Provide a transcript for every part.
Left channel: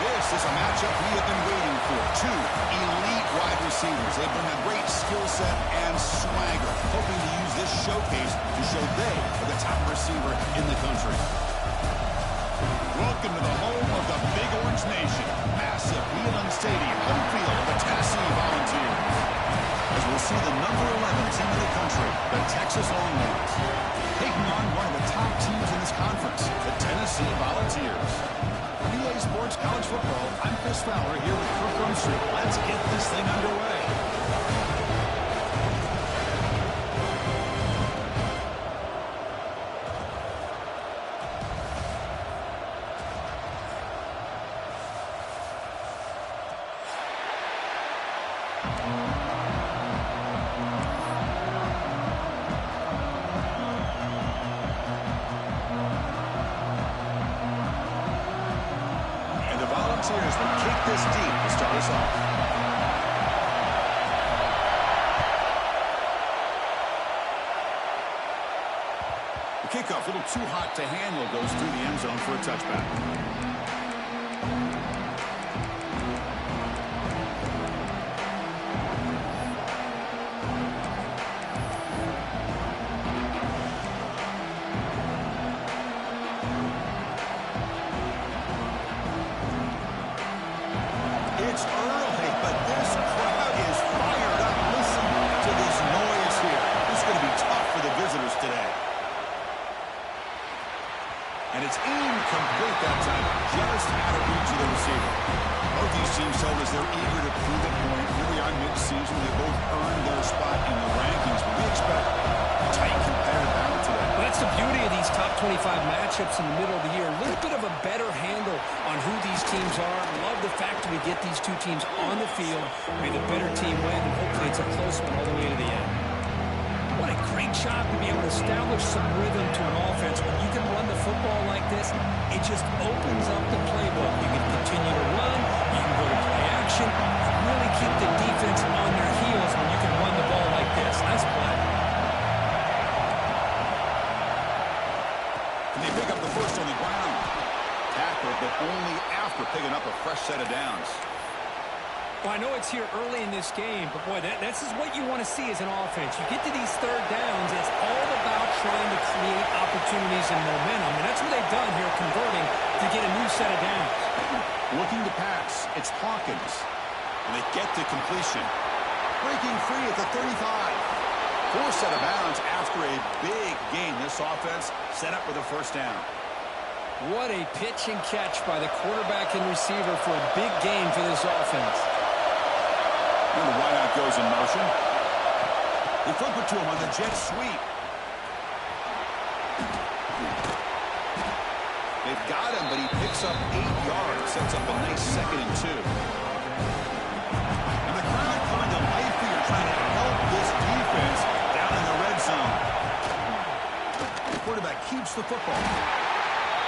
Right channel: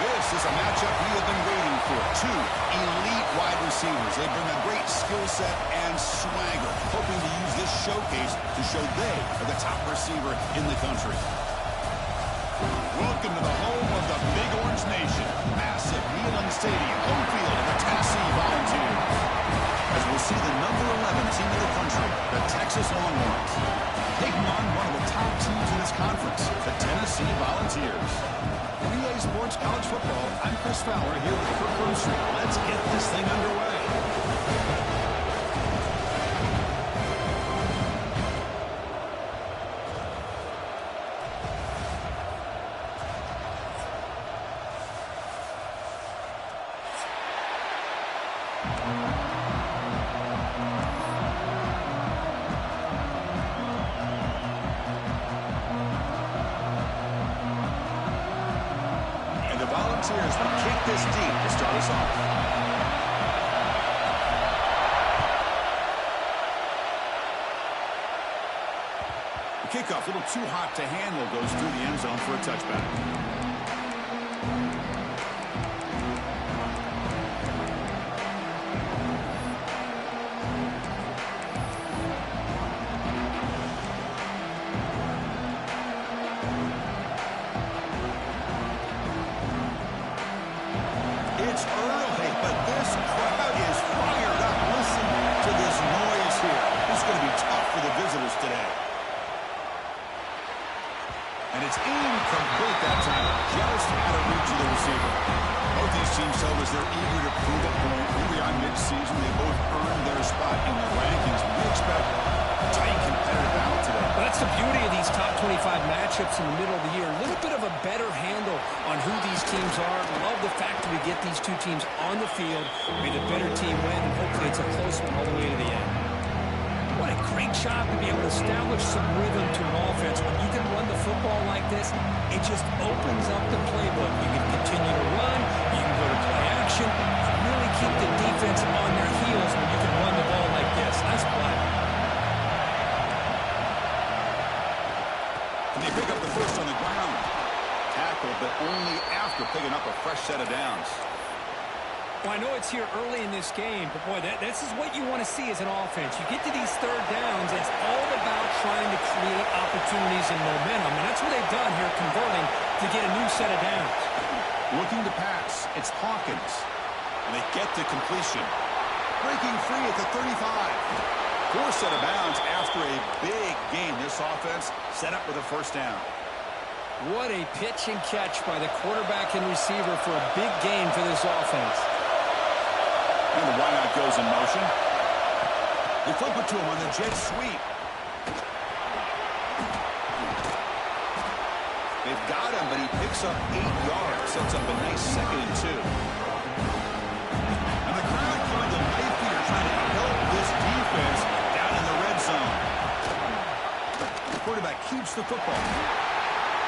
This is a matchup we have been waiting for. Two elite wide receivers. They bring a great skill set and swagger, hoping to use this showcase to show they are the top receiver in the country. Welcome to the home of the Big Orange Nation. Massive Neyland Stadium, home field of the Tennessee Volunteers. As we'll see the number 11 team in the country, the Texas Longhorns, taking on one of the top teams in this conference, the Tennessee Volunteers. For EA Sports College Football, I'm Chris Fowler here with Kirk Grumstreet. Let's get this thing underway. Volunteers will kick this deep to start us off. The kickoff, a little too hot to handle, goes through the end zone for a touchback. It's early, but this crowd is fired up. Listen to this noise here. This is going to be tough for the visitors today. And it's incomplete that time, just out of reach of the receiver. Both these teams told us they're eager to prove a point. Here we are mid-season. They both earned their spot in the rankings, but we expect a tight, competitive battle today. Well, that's the beauty of these top 25 matchups in the middle of the year. A little bit of a better handle on who these teams are. Love the fact that we get these two teams on the field. May the better team win, and hopefully it's a close one all the way to the end. What a great job to be able to establish some rhythm to an offense. When you can run the football like this, it just opens up the playbook. You can continue to run. You can go to play action. You really keep the defense on their heels when you can run the ball like this. Nice play. And they pick up the first on the ground. Tackled, but only after picking up a fresh set of downs. Well, I know it's here early in this game, but boy, this is what you want to see as an offense. You get to these third downs, it's all about trying to create opportunities and momentum, and that's what they've done here, converting to get a new set of downs. Looking to pass, it's Hawkins, and they get to completion. Breaking free at the 35. Poor set of bounds after a big gain. This offense set up with a first down. What a pitch and catch by the quarterback and receiver for a big gain for this offense. And the wideout goes in motion. They flip it to him on the jet sweep. They've got him, but he picks up 8 yards. Sets up a nice 2nd and 2. And the crowd coming to life here, trying to help this defense down in the red zone. The quarterback keeps the football.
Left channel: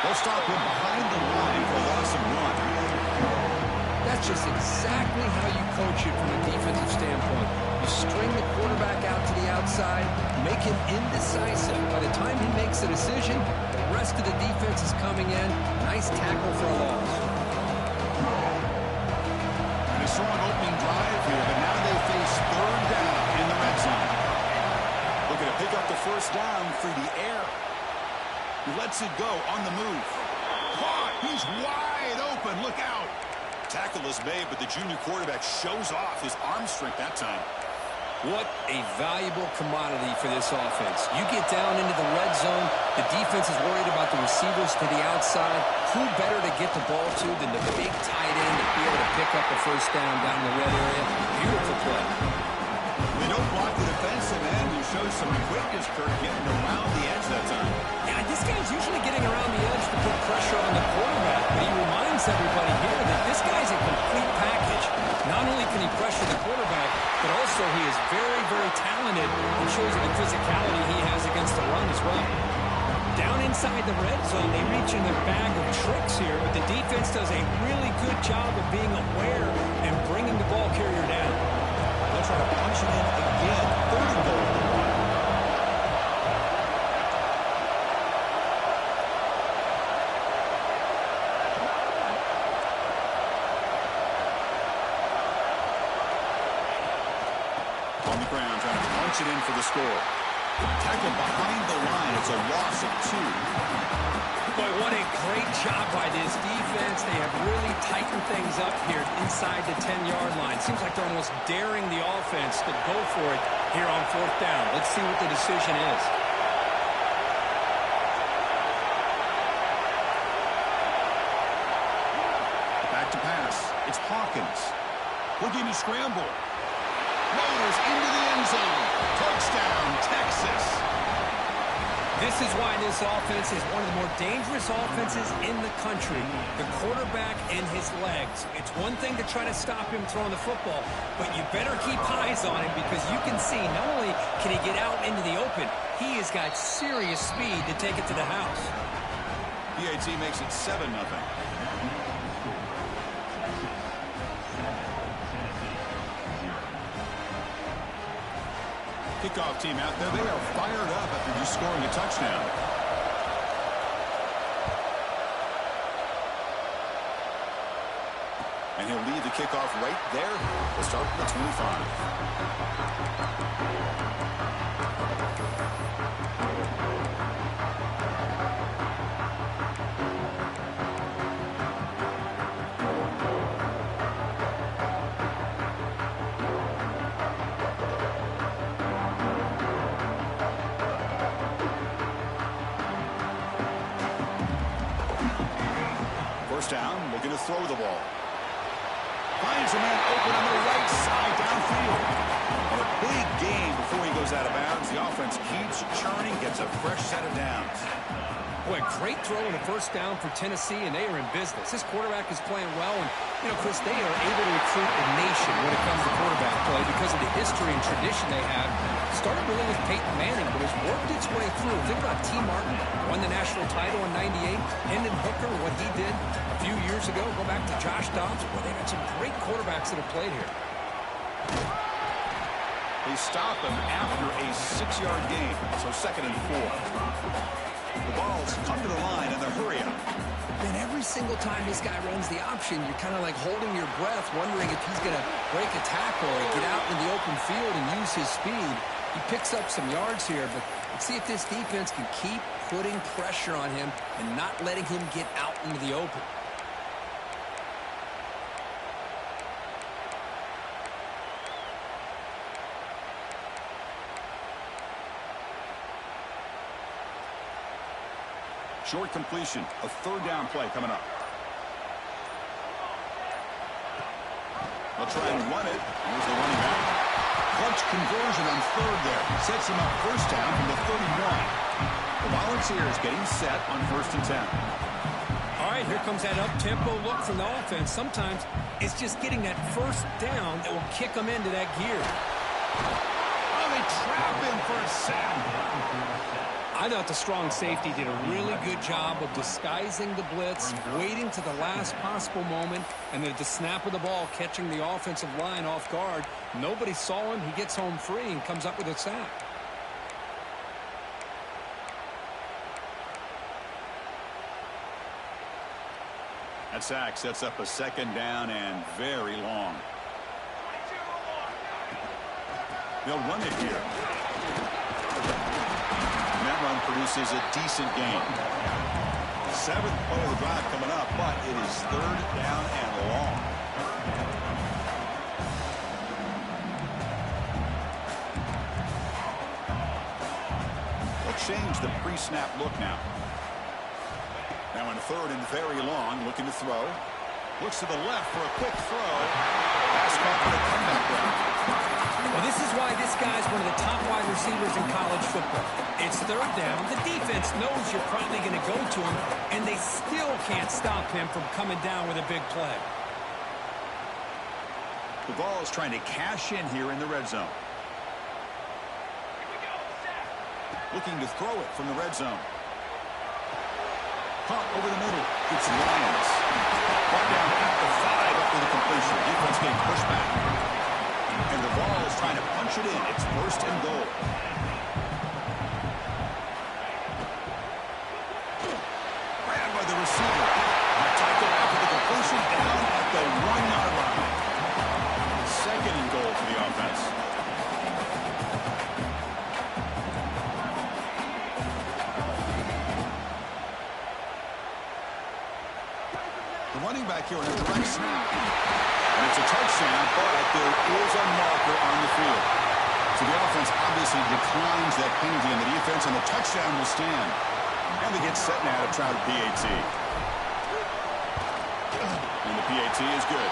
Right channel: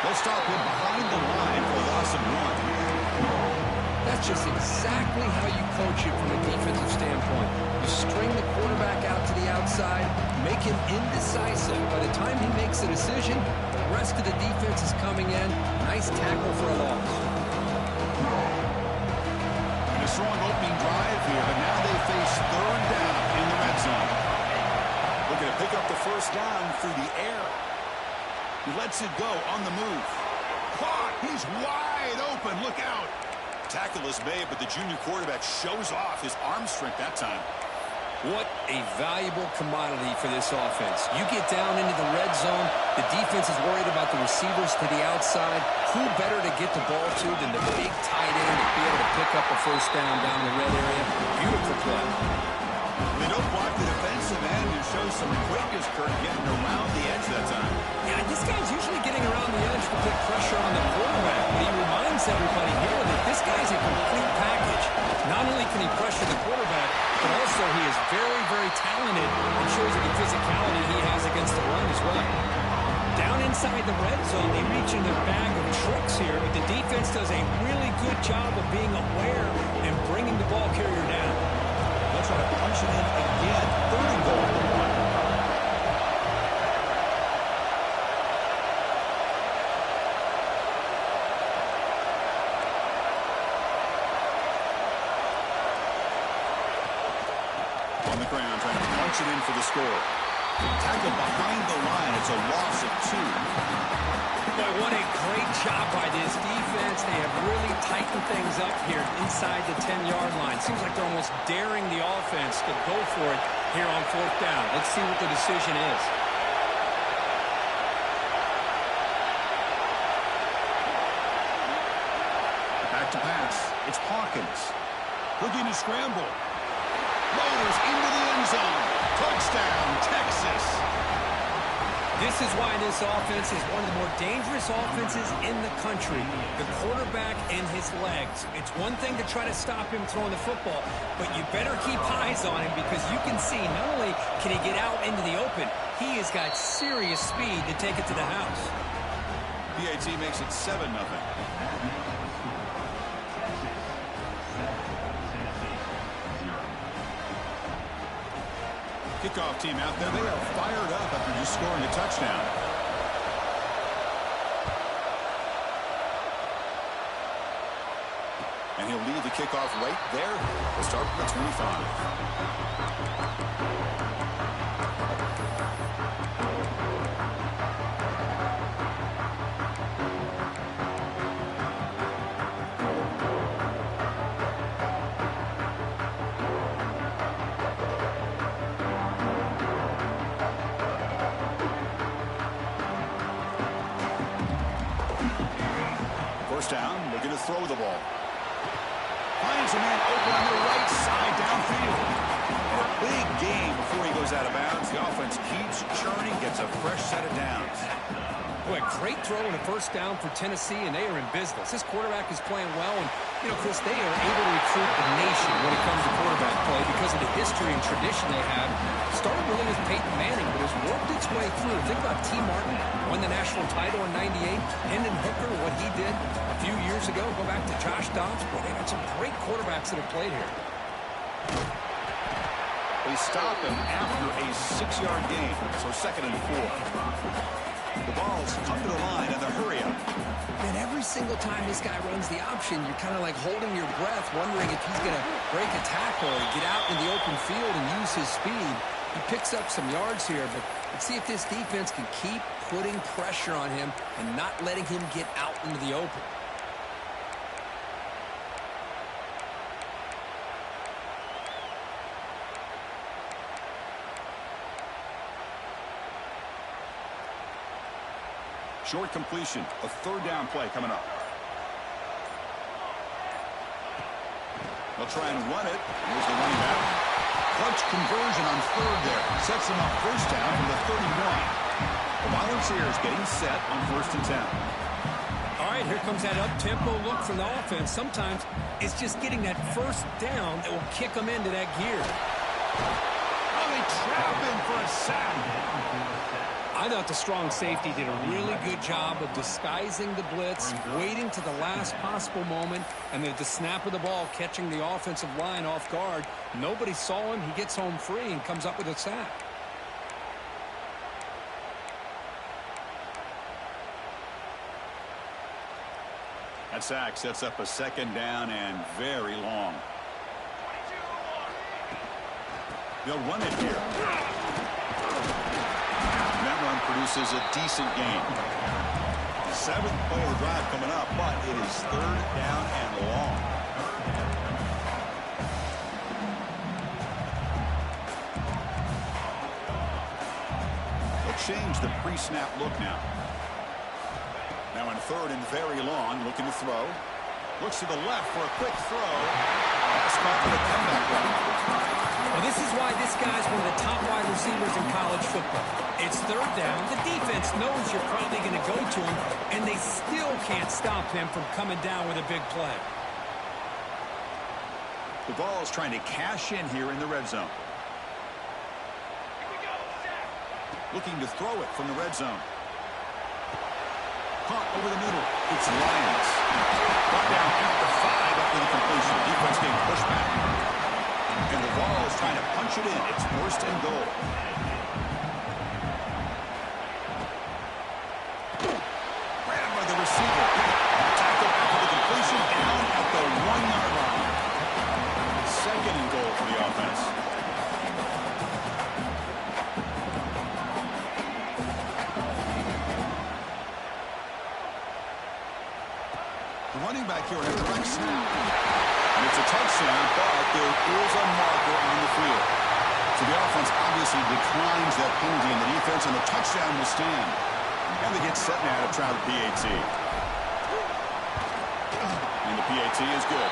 They'll stop him behind the line for a loss of 1. That's just exactly how you coach it from a defensive standpoint. You string the quarterback out to the outside, make him indecisive. By the time he makes a decision, the rest of the defense is coming in. Nice tackle for a loss. And a strong opening drive here, but now they face third down in the red zone. Looking to pick up the first down through the air. He lets it go on the move. Caught! He's wide open. Look out! Tackle is made, but the junior quarterback shows off his arm strength that time. What a valuable commodity for this offense. You get down into the red zone, the defense is worried about the receivers to the outside. Who better to get the ball to than the big tight end to be able to pick up a first down down in the red area? Beautiful play. They don't block the defensive end and show some quickness, Kirk, getting around the edge that time. Yeah, this guy's usually getting around the edge to put pressure on the quarterback, but he reminds everybody here that this guy's a complete package. Not only can he pressure the quarterback, but also he is very, very talented and shows you the physicality he has against the run as well. Down inside the red zone, they reach in their bag of tricks here, but the defense does a really good job of being aware and bringing the ball carrier down. They'll try to punch it in again. 3rd and goal at the 1. On the ground, trying to punch it in for the score. Tackled behind the line. It's a loss of 2. Boy, what a great job by this defense. They have really tightened things up here inside the 10-yard line. Seems like they're almost daring the offense to go for it here on 4th down. Let's see what the decision is. Back to pass. It's Hawkins. Looking to scramble. Motors into the end zone. Touchdown, Texas. This is why this offense is one of the more dangerous offenses in the country. The quarterback and his legs. It's one thing to try to stop him throwing the football, but you better keep eyes on him because you can see not only can he get out into the open, he has got serious speed to take it to the house. PAT makes it 7-0. Kickoff team out there. They are fired up after just scoring a touchdown. And he'll lead the kickoff right there. We'll start from the 25. Down, looking to throw the ball. Finds a man open on the right side downfield. And a big gain before he goes out of bounds. The offense keeps churning, gets a fresh set of downs. Boy, a great throw and a 1st down for Tennessee, and they are in business. This quarterback is playing well, and, you know, Chris, they are able to recruit the nation when it comes to quarterback play because of the history and tradition they have. Started really with Peyton Manning, but has worked its way through. Think about T. Martin, won the national title in '98. Hendon Hooker, what he did a few years ago. Go back to Josh Dobbs. Boy, they've had some great quarterbacks that have played here. They stop him after a 6-yard gain, so 2nd and 4. The ball's come to the line and the hurry up. Man, every single time this guy runs the option, you're kind of like holding your breath, wondering if he's going to break a tackle or get out in the open field and use his speed. He picks up some yards here, but let's see if this defense can keep putting pressure on him and not letting him get out into the open. Short completion, a 3rd down play coming up. They'll try and run it. Here's the running back. Clutch conversion on 3rd there. Sets him up 1st down from the 31. The Volunteers getting set on 1st and 10. All right, here comes that up-tempo look from the offense. Sometimes it's just getting that 1st down that will kick them into that gear. Oh, they trap him for a sack. I thought the strong safety did a really good job of disguising the blitz, waiting to the last possible moment, and then at the snap of the ball, catching the offensive line off guard. Nobody saw him. He gets home free and comes up with a sack. That sack sets up a 2nd down and very long. They'll run it here. And that run produces a decent gain. 7th play of the drive coming up, but it is 3rd down and long. They'll change the pre-snap look now. Now in 3rd and very long, looking to throw. Looks to the left for a quick throw. Pass caught on a comeback route. Well, this is why this guy's one of the top wide receivers in college football. It's 3rd down. The defense knows you're probably going to go to him, and they still can't stop him from coming down with a big play. The ball is trying to cash in here in the red zone. Looking to throw it from the red zone. Caught over the middle. It's Lions. Brought down at the 5 after the completion. Defense getting pushed back. And the ball is trying to punch it in. It's 1st and goal. Grabbed by the receiver. Tackled after the completion down at the 1-yard line. 2nd and goal for the offense. running back here on a direct snap. And it's a touchdown, but there is a marker on the field. So the offense obviously declines that penalty, and the defense on the touchdown will stand. And they get set now to try the PAT. And the PAT is good.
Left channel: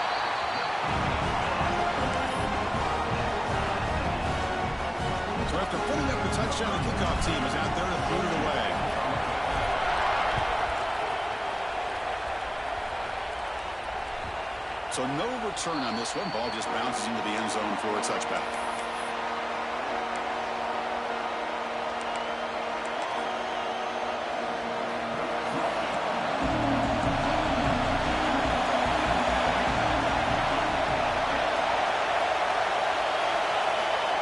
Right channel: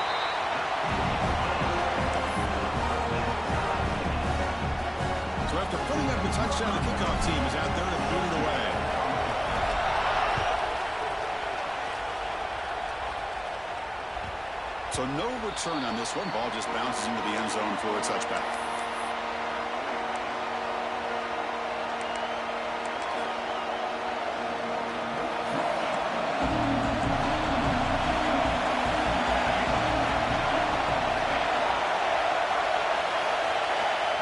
So after putting up the touchdown, the kickoff team is out there to boot it away. So no return on this one. Ball just bounces into the end zone for a touchback.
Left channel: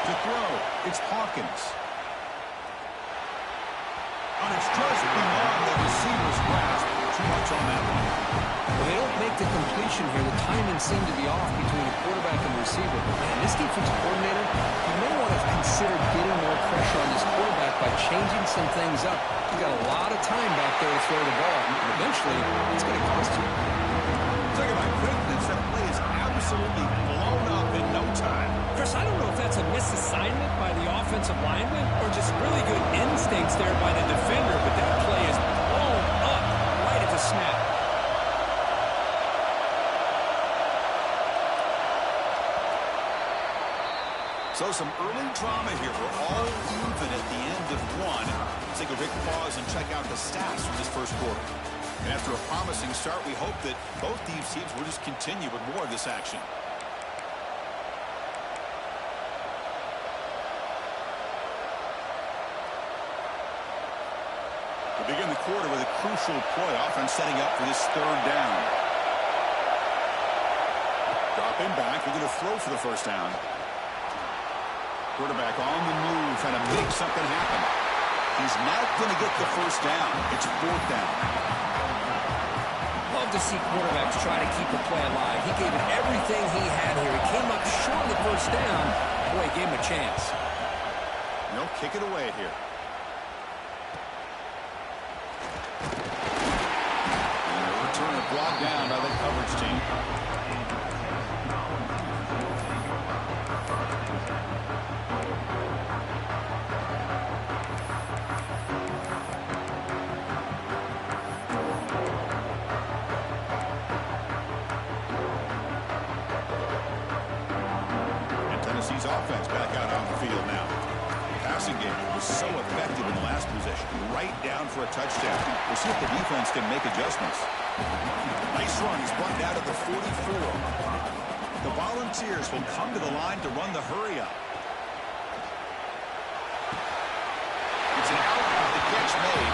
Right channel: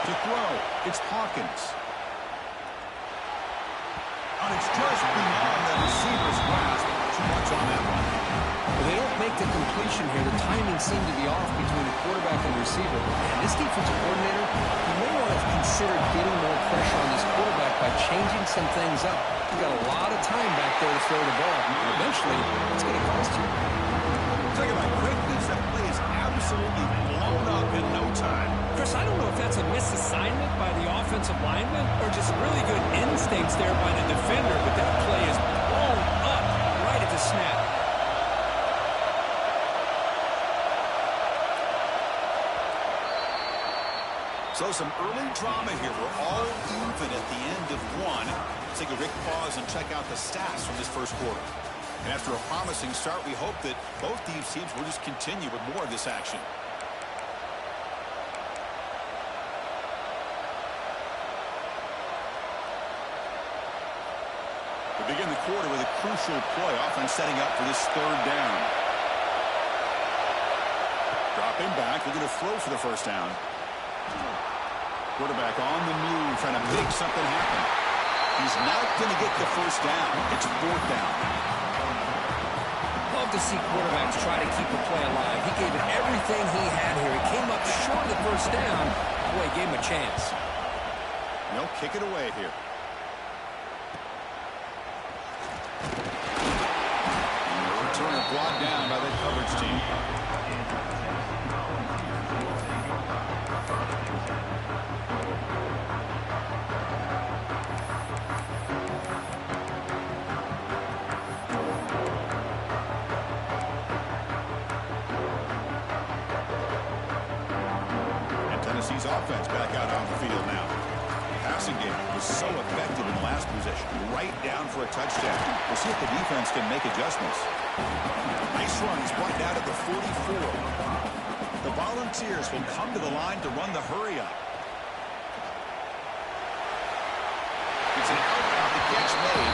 To throw, it's Hawkins. And it's just beyond the receiver's grasp. Too much on that one. Well, they don't make the completion here. The timing seemed to be off between the quarterback and the receiver. But, man, this defensive coordinator, he may want to consider getting more pressure on this quarterback by changing some things up. He's got a lot of time back there to throw the ball. And eventually, it's going to cost you. Talking about quickness, that play is absolutely blown up in no time. Chris, I don't know if that's a misassignment by the offensive lineman or just really good instincts there by the defender, but that play is blown up right at the snap. So some early drama here. We're all even at the end of one. Let's take a quick pause and check out the stats from this first quarter. And after a promising start, we hope that both these teams will just continue with more of this action. We begin the quarter with a crucial play. Offense setting up for this third down. Dropping back. We're going to throw for the first down. Quarterback on the move, trying to make something happen. He's not going to get the first down. It's fourth down. Love to see quarterbacks try to keep a play alive. He gave it everything he had here. He came up short of the first down. Boy, he gave him a chance. They'll kick it away here. And the returner brought down by the coverage team. Tennessee's offense back out on the field now. The passing game was so effective in the last possession. Right down for a touchdown. We'll see if the defense can make adjustments. Nice run. He's brought down at the 44. The Volunteers will come to the line to run the hurry up. It's an out. The catch made.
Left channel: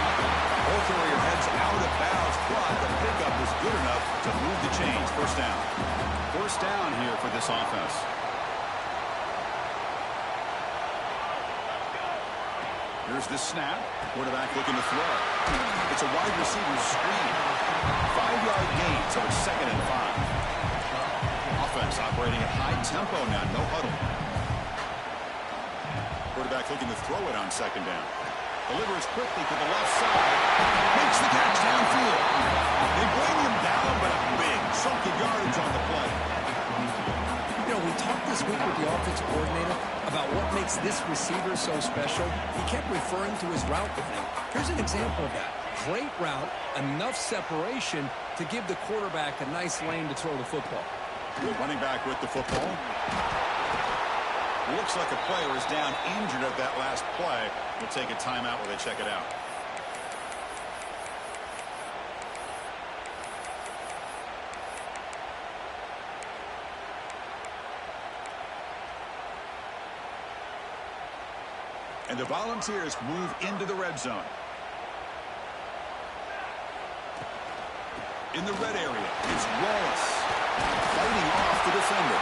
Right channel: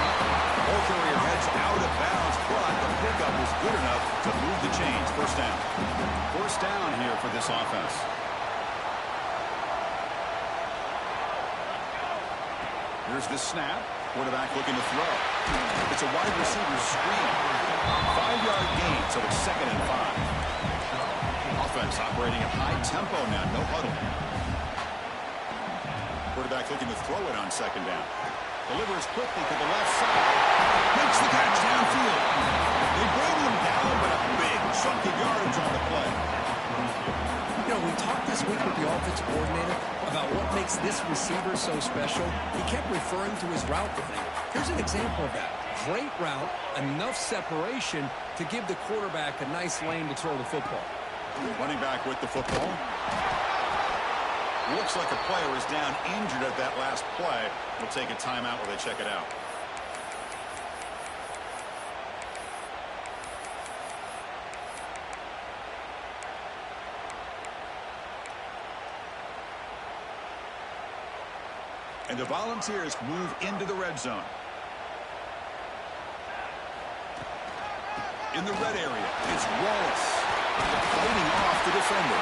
Ball carrier heads out of bounds, but the pickup is good enough to move the chains. First down. First down here for this offense. Here's the snap. Quarterback looking to throw. It's a wide receiver screen. 5-yard gain, so it's 2nd and 5. Offense operating at high tempo now. No huddle. Quarterback looking to throw it on 2nd down. Delivers quickly to the left side. Makes the catch downfield. They bring him down, but a big chunk of yardage on the play. You know, we talked this week with the offensive coordinator about what makes this receiver so special. He kept referring to his route running. Here's an example of that. Great route, enough separation to give the quarterback a nice lane to throw the football. Running back with the football. Looks like a player is down injured at that last play. We'll take a timeout while they check it out. And the Volunteers move into the red zone. In the red area, it's Wallace fighting off the defender.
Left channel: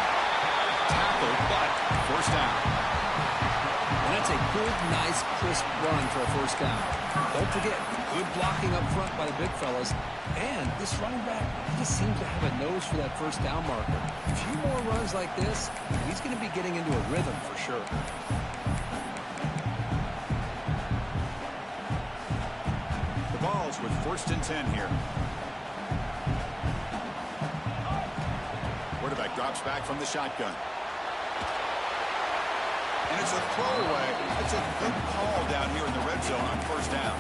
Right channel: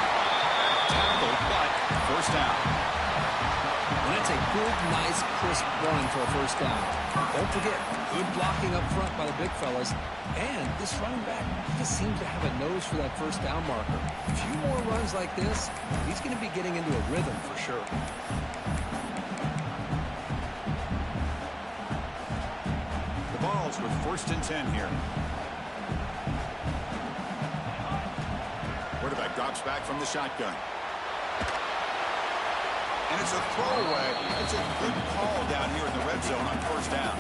Tackled, but first down. Well, that's a good, nice, crisp run for a first down. Don't forget, good blocking up front by the big fellas. And this running back, he just seems to have a nose for that first down marker. A few more runs like this, and he's going to be getting into a rhythm for sure. The Vols with 1st and 10 here. Quarterback drops back from the shotgun. And it's a throwaway. It's a good call down here in the red zone on first down.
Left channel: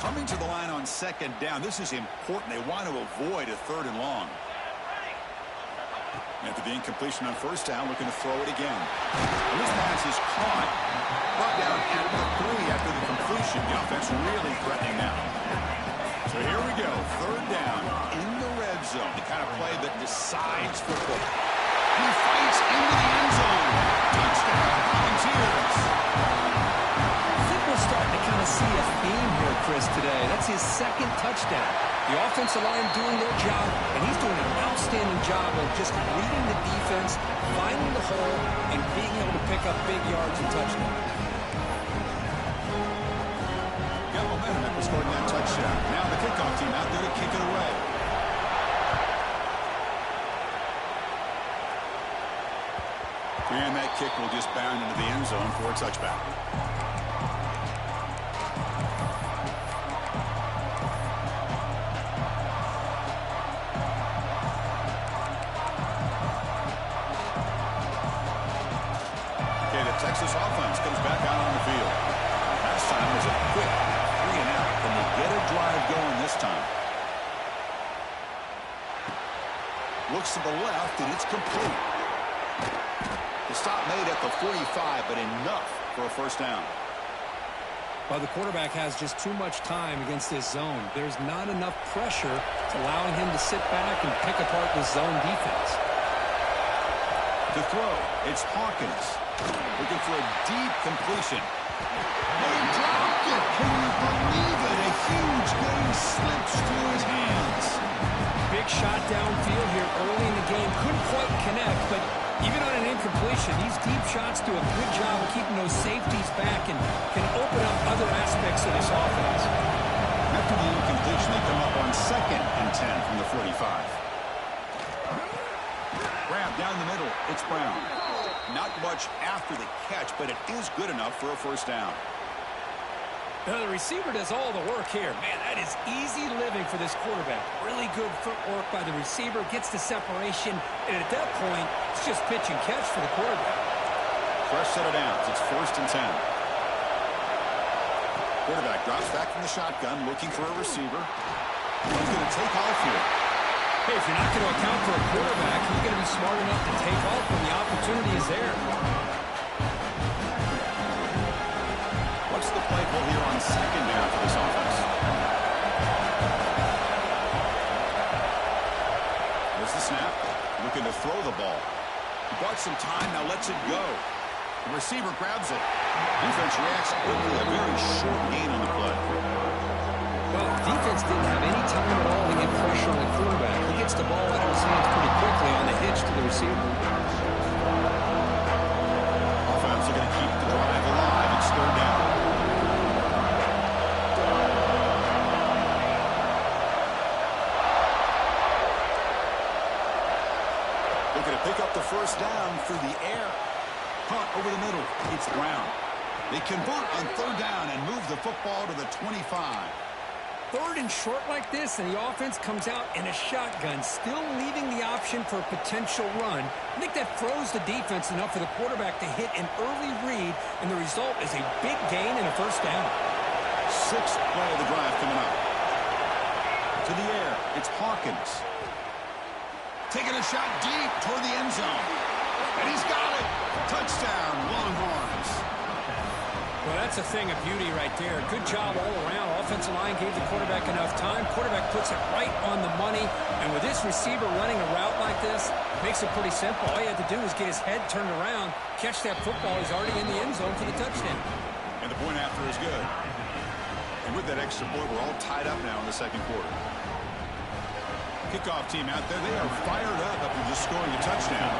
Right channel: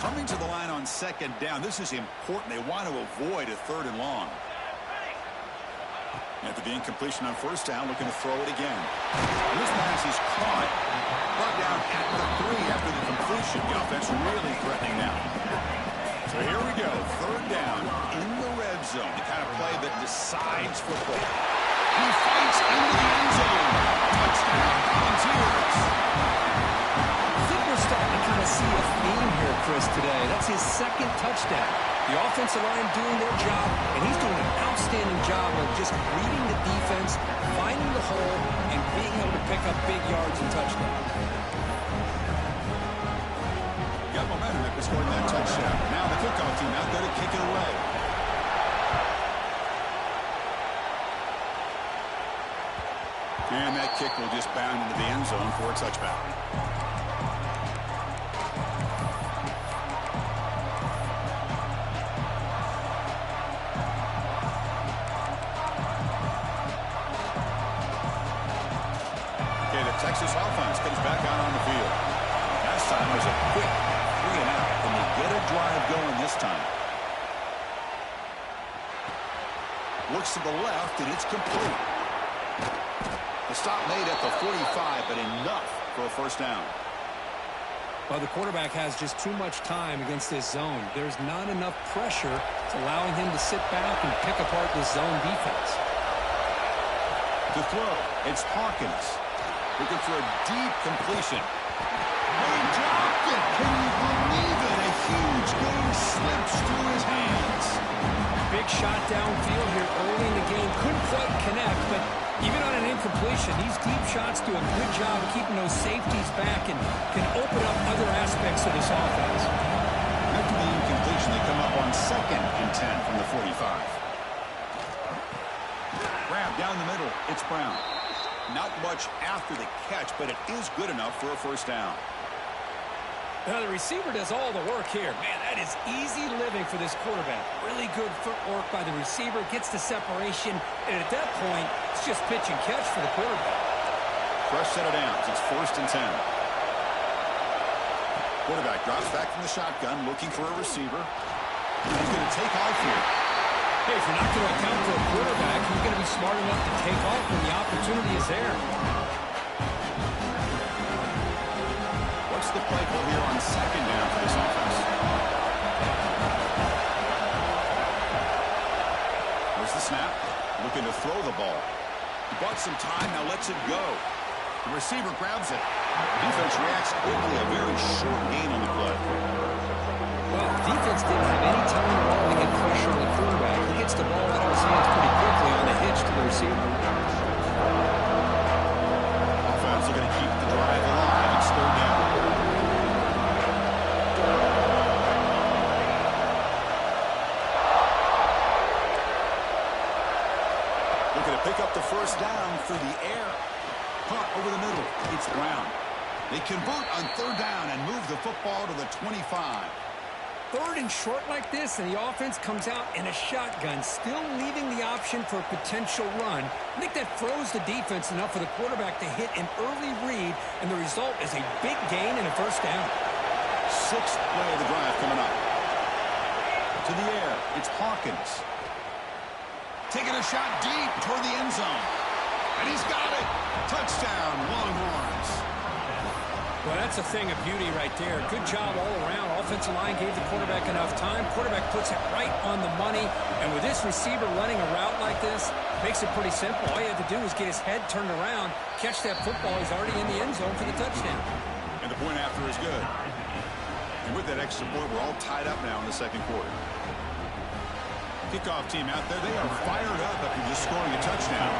Coming to the line on second down. This is important. They want to avoid a 3rd and long. After the incompletion on first down, looking to throw it again. And this pass is caught. Brought down at the 3 after the completion. The offense really threatening now. So here we go. 3rd down in the red zone. The kind of play that decides football. And he fights into the end zone. Touchdown, Volunteers. I think we're starting to kind of see a theme here, Chris, today. That's his 2nd touchdown. The offensive line doing their job, and he's doing an outstanding job of just reading the defense, finding the hole, and being able to pick up big yards and touchdowns. Got momentum after scoring that touchdown. Now the kickoff team out there to kick it away. And that kick will just bound into the end zone for a touchback. Texas offense comes back out on the field. Last time was a quick 3 and out. Can they get a drive going this time? Looks to the left, and it's complete. The stop made at the 45, but enough for a first down. Well, the quarterback has just too much time against this zone. There's not enough pressure to allowing him to sit back and pick apart this zone defense. To throw, it's Hawkins. Looking for a deep completion. Oh, he dropped it. Can you believe it? A huge game slips through his hands. Big shot downfield here early in the game. Couldn't quite connect, but even on an incompletion, these deep shots do a good job of keeping those safeties back and can open up other aspects of this offense. After the incompletion, they come up on 2nd and 10 from the 45. Grab down the middle. It's Brown. Not much after the catch, but it is good enough for a first down. Now, the receiver does all the work here. Man, that is easy living for this quarterback. Really good footwork by the receiver, gets the separation, and at that point, it's just pitch and catch for the quarterback. Fresh set of downs. It's 1st and 10. Quarterback drops back from the shotgun, looking for a receiver. He's going to take off here. Hey, if you're not going to account for a quarterback, he's going to be smart enough to take off when the opportunity is there. What's the play call here on 2nd down for this offense? There's the snap. Looking to throw the ball. He bought some time, now lets it go. The receiver grabs it. Defense reacts quickly. A very short gain on the play. Well, defense didn't have any time at all to get pressure on the quarterback. He gets the ball out of his hands pretty quickly on the hitch to the receiver. Offense looking to keep the drive alive. It's 3rd down. Looking to pick up the first down through the air. Punt over the middle. It's Brown. They convert on 3rd down and move the football to the 25. 3rd and short like this, and the offense comes out in a shotgun, still leaving the option for a potential run. I think that throws the defense enough for the quarterback to hit an early read, and the result is a big gain and a first down. 6th play of the drive coming up. To the air, it's Hawkins. Taking a shot deep toward the end zone. And he's got it. Touchdown, Longhorns. Well, that's a thing of beauty right there. Good job all around. Offensive line gave the quarterback enough time. Quarterback puts it right on the money. And with this receiver running a route like this, makes it pretty simple. All he had to do was get his head turned around, catch that football. He's already in the end zone for the touchdown. And the point after is good. And with that extra point, we're all tied up now in the 2nd quarter. Kickoff team out there, they are fired up after just scoring a touchdown.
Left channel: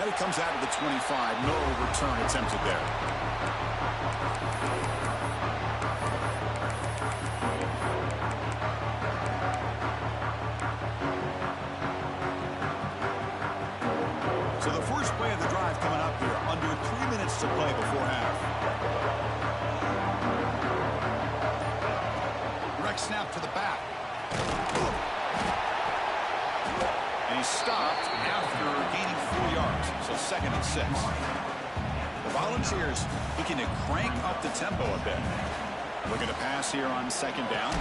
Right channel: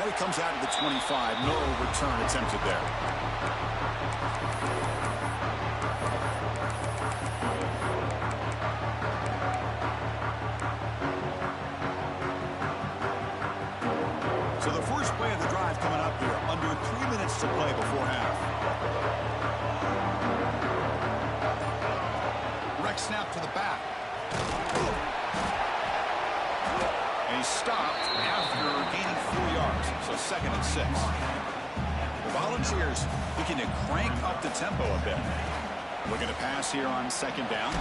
And it comes out of the 25. No return attempted there. So the first play of the drive coming up here. Under 3 minutes to play before half. Direct snap to the back. And he's stopped after gaining 4 yards. So 2nd and 6. The Volunteers looking to crank up the tempo a bit. Looking to pass here on 2nd down.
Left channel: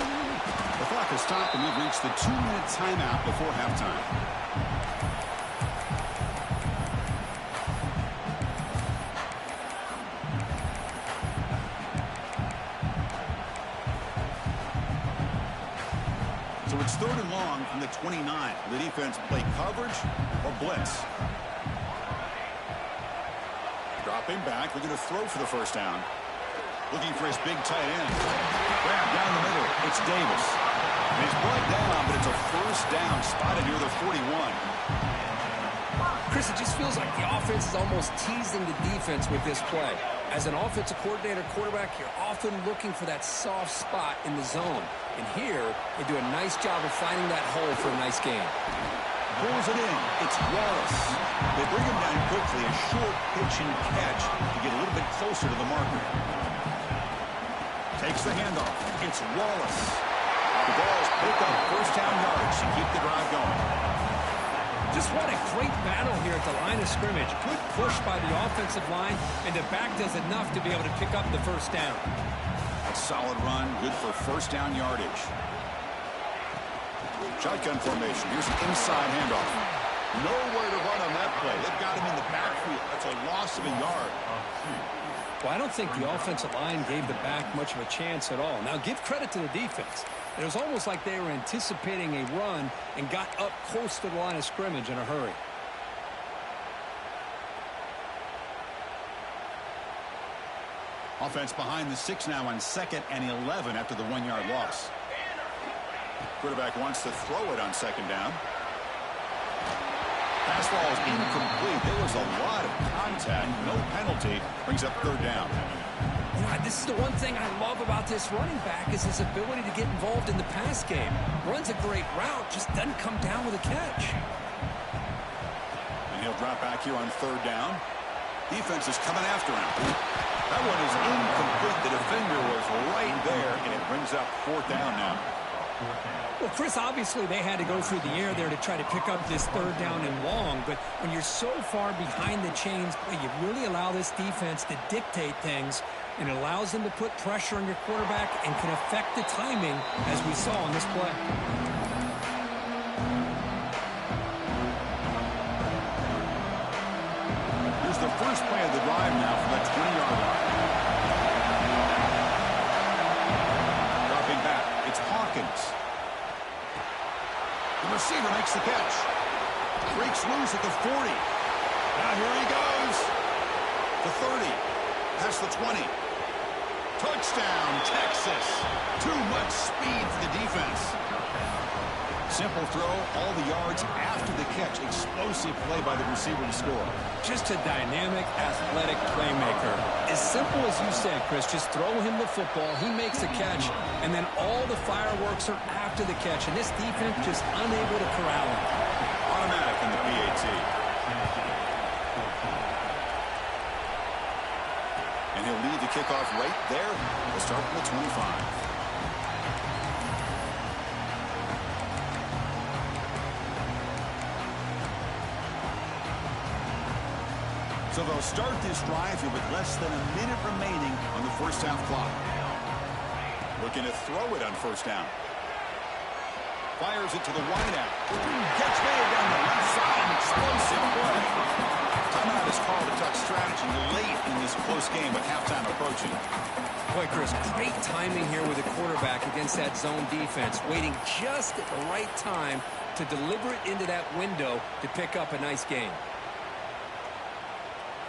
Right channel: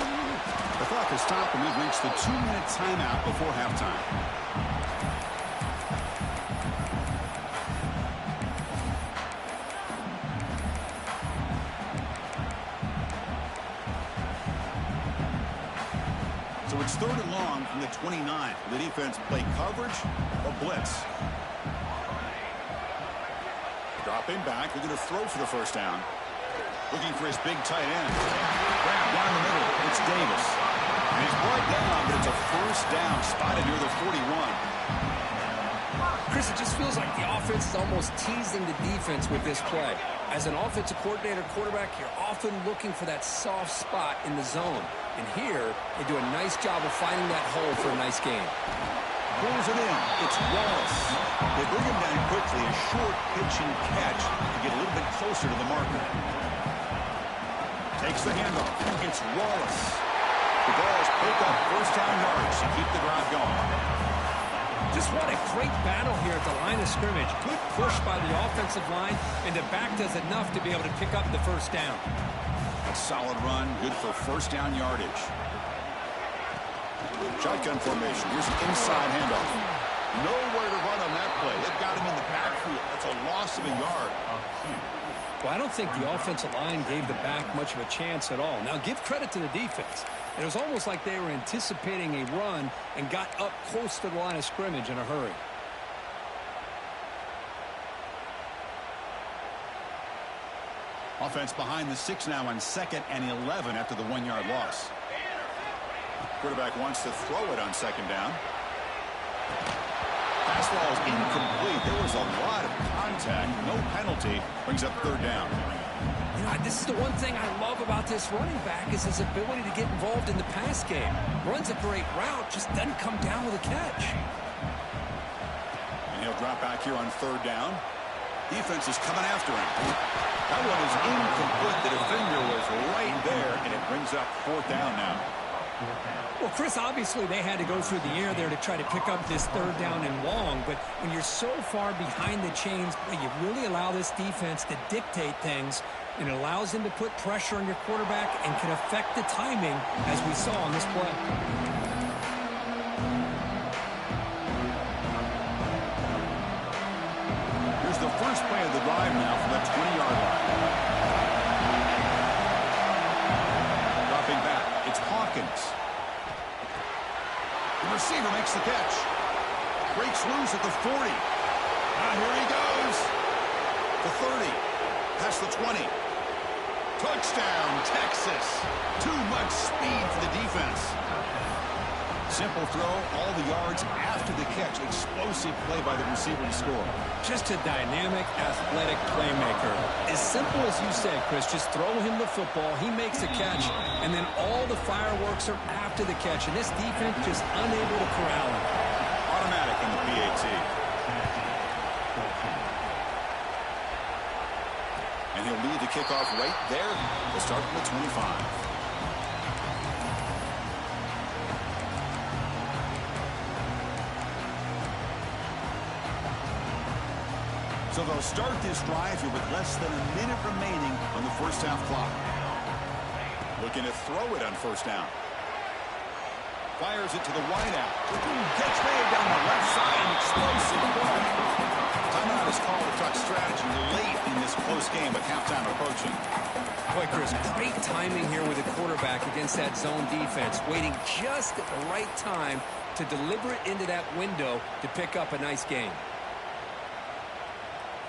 The clock has stopped and we've reached the 2-minute timeout before halftime. So it's 3rd and long from the 29. Will the defense play coverage or blitz? Dropping back, looking to throw for the first down. Looking for his big tight end. Grab down the middle. It's Davis. And he's brought down, but it's a first down spotted near the 41. Chris, it just feels like the offense is almost teasing the defense with this play. As an offensive coordinator, quarterback, you're often looking for that soft spot in the zone. And here, they do a nice job of finding that hole for a nice gain. Pulls it in. It's Wallace. They bring him down quickly. A short pitch and catch to get a little bit closer to the marker. Takes the handoff. It's Wallace. The Vols pick up first down yards to keep the drive going. Just what a great battle here at the line of scrimmage. Good push by the offensive line, and the back does enough to be able to pick up the first down. That's a solid run, good for first down yardage. Shotgun formation. Here's an inside handoff. Nowhere to run on that play. They've got him in the backfield. That's a loss of a yard. Well, I don't think the offensive line gave the back much of a chance at all. Now, give credit to the defense. It was almost like they were anticipating a run and got up close to the line of scrimmage in a hurry. Offense behind the 6 now on 2nd and 11 after the 1-yard loss. Quarterback wants to throw it on 2nd down. Pass ball is incomplete. There was a lot of contact. No penalty. Brings up 3rd down. You know, this is the one thing I love about this running back is his ability to get involved in the pass game. Runs a great route, just doesn't come down with a catch. And he'll drop back here on 3rd down. Defense is coming after him. That one is incomplete. The defender was right there, and it brings up 4th down now. Well, Chris, obviously they had to go through the air there to try to pick up this 3rd down and long, but when you're so far behind the chains, you really allow this defense to dictate things, and it allows them to put pressure on your quarterback and can affect the timing, as we saw on this play. Here's the first play of the drive now from the 20-yard line. Dropping back, it's Hawkins. The receiver makes the catch. Breaks loose at the 40. Now here he goes. The 30. Past the 20. Touchdown, Texas. Too much speed for the defense. Simple throw, all the yards after the catch. Explosive play by the receiver to score. Just a dynamic, athletic playmaker. As simple as you said, Chris, just throw him the football, he makes the catch, and then all the fireworks are after the catch, and this defense just unable to corral him. Automatic in the PAT. And he'll lead the kickoff right there. We'll start from the 25. So they'll start this drive here with less than a minute remaining on the first half clock. Looking to throw it on first down. Fires it to the wideout. Catch made down the left side. An explosive play. Timeout is called to talk strategy late in this close game with halftime approaching. Boy, Chris, great timing here with the quarterback against that zone defense. Waiting just at the right time to deliver it into that window to pick up a nice gain.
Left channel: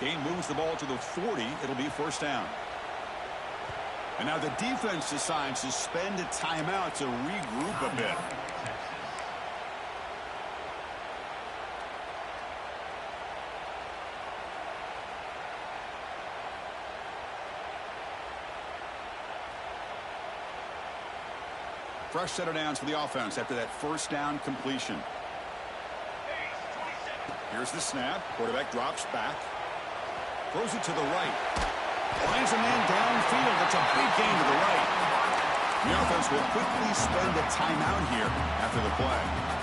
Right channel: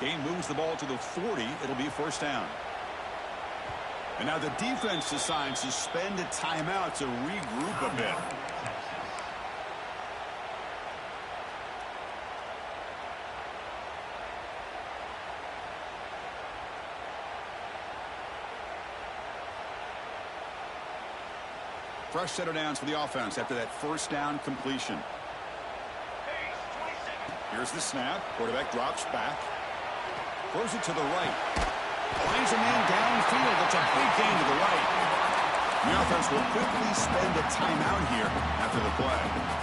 Gain moves the ball to the 40. It'll be first down. And now the defense decides to spend a timeout to regroup a bit. fresh set of downs for the offense after that first down completion. Here's the snap. Quarterback drops back. Throws it to the right. Finds a man downfield. That's a big gain to the right. The offense will quickly spend a timeout here after the play.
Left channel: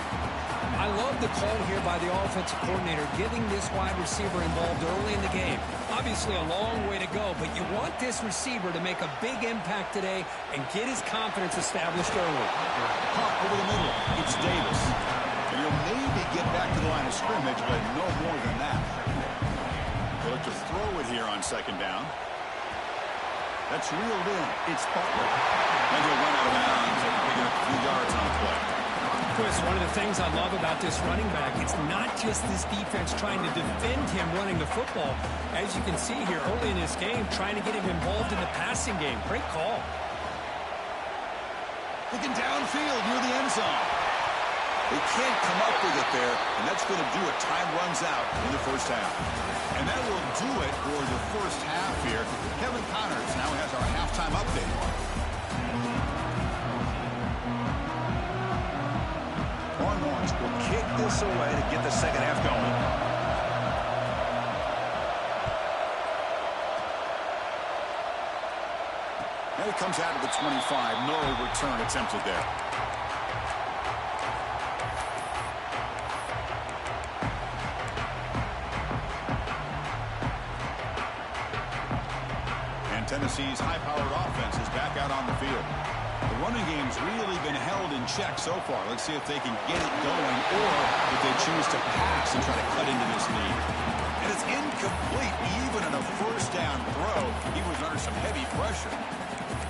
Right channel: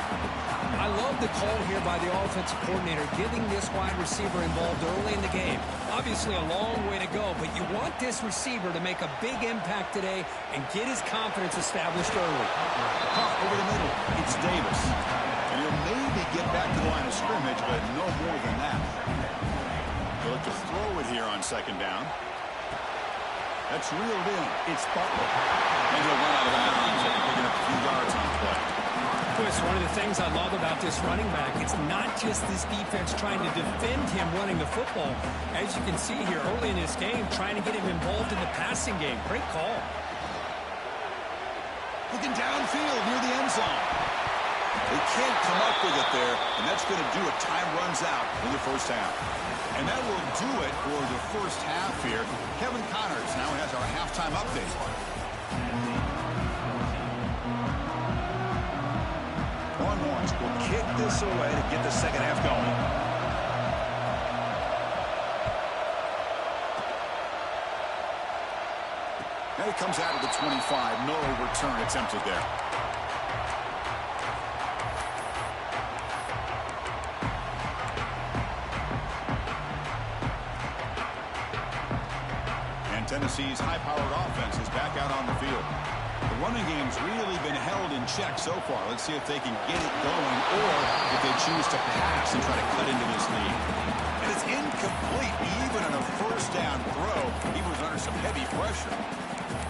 I love the call here by the offensive coordinator, getting this wide receiver involved early in the game. Obviously a long way to go, but you want this receiver to make a big impact today and get his confidence established early. Pump over the middle. It's Davis. And he'll maybe get back to the line of scrimmage, but no more than that. They'll look to throw it here on second down. That's reeled in. It's Butler. And he'll run out of bounds after picking up a few yards on the play. Chris, one of the things I love about this running back, it's not just this defense trying to defend him running the football. As you can see here early in this game, trying to get him involved in the passing game. Great call. Looking downfield near the end zone. They can't come up with it there, and that's going to do it. Time runs out in the first half. And that will do it for the first half here. Kevin Connors now has our halftime update. Longhorns will kick this away to get the second half going. And it comes out of the 25. No return attempted there. And Tennessee's high-powered offense is back out on the field. The running game's really been held in check so far. Let's see if they can get it going or if they choose to pass and try to cut into this lead. And it's incomplete. Even on a first down throw, he was under some heavy pressure.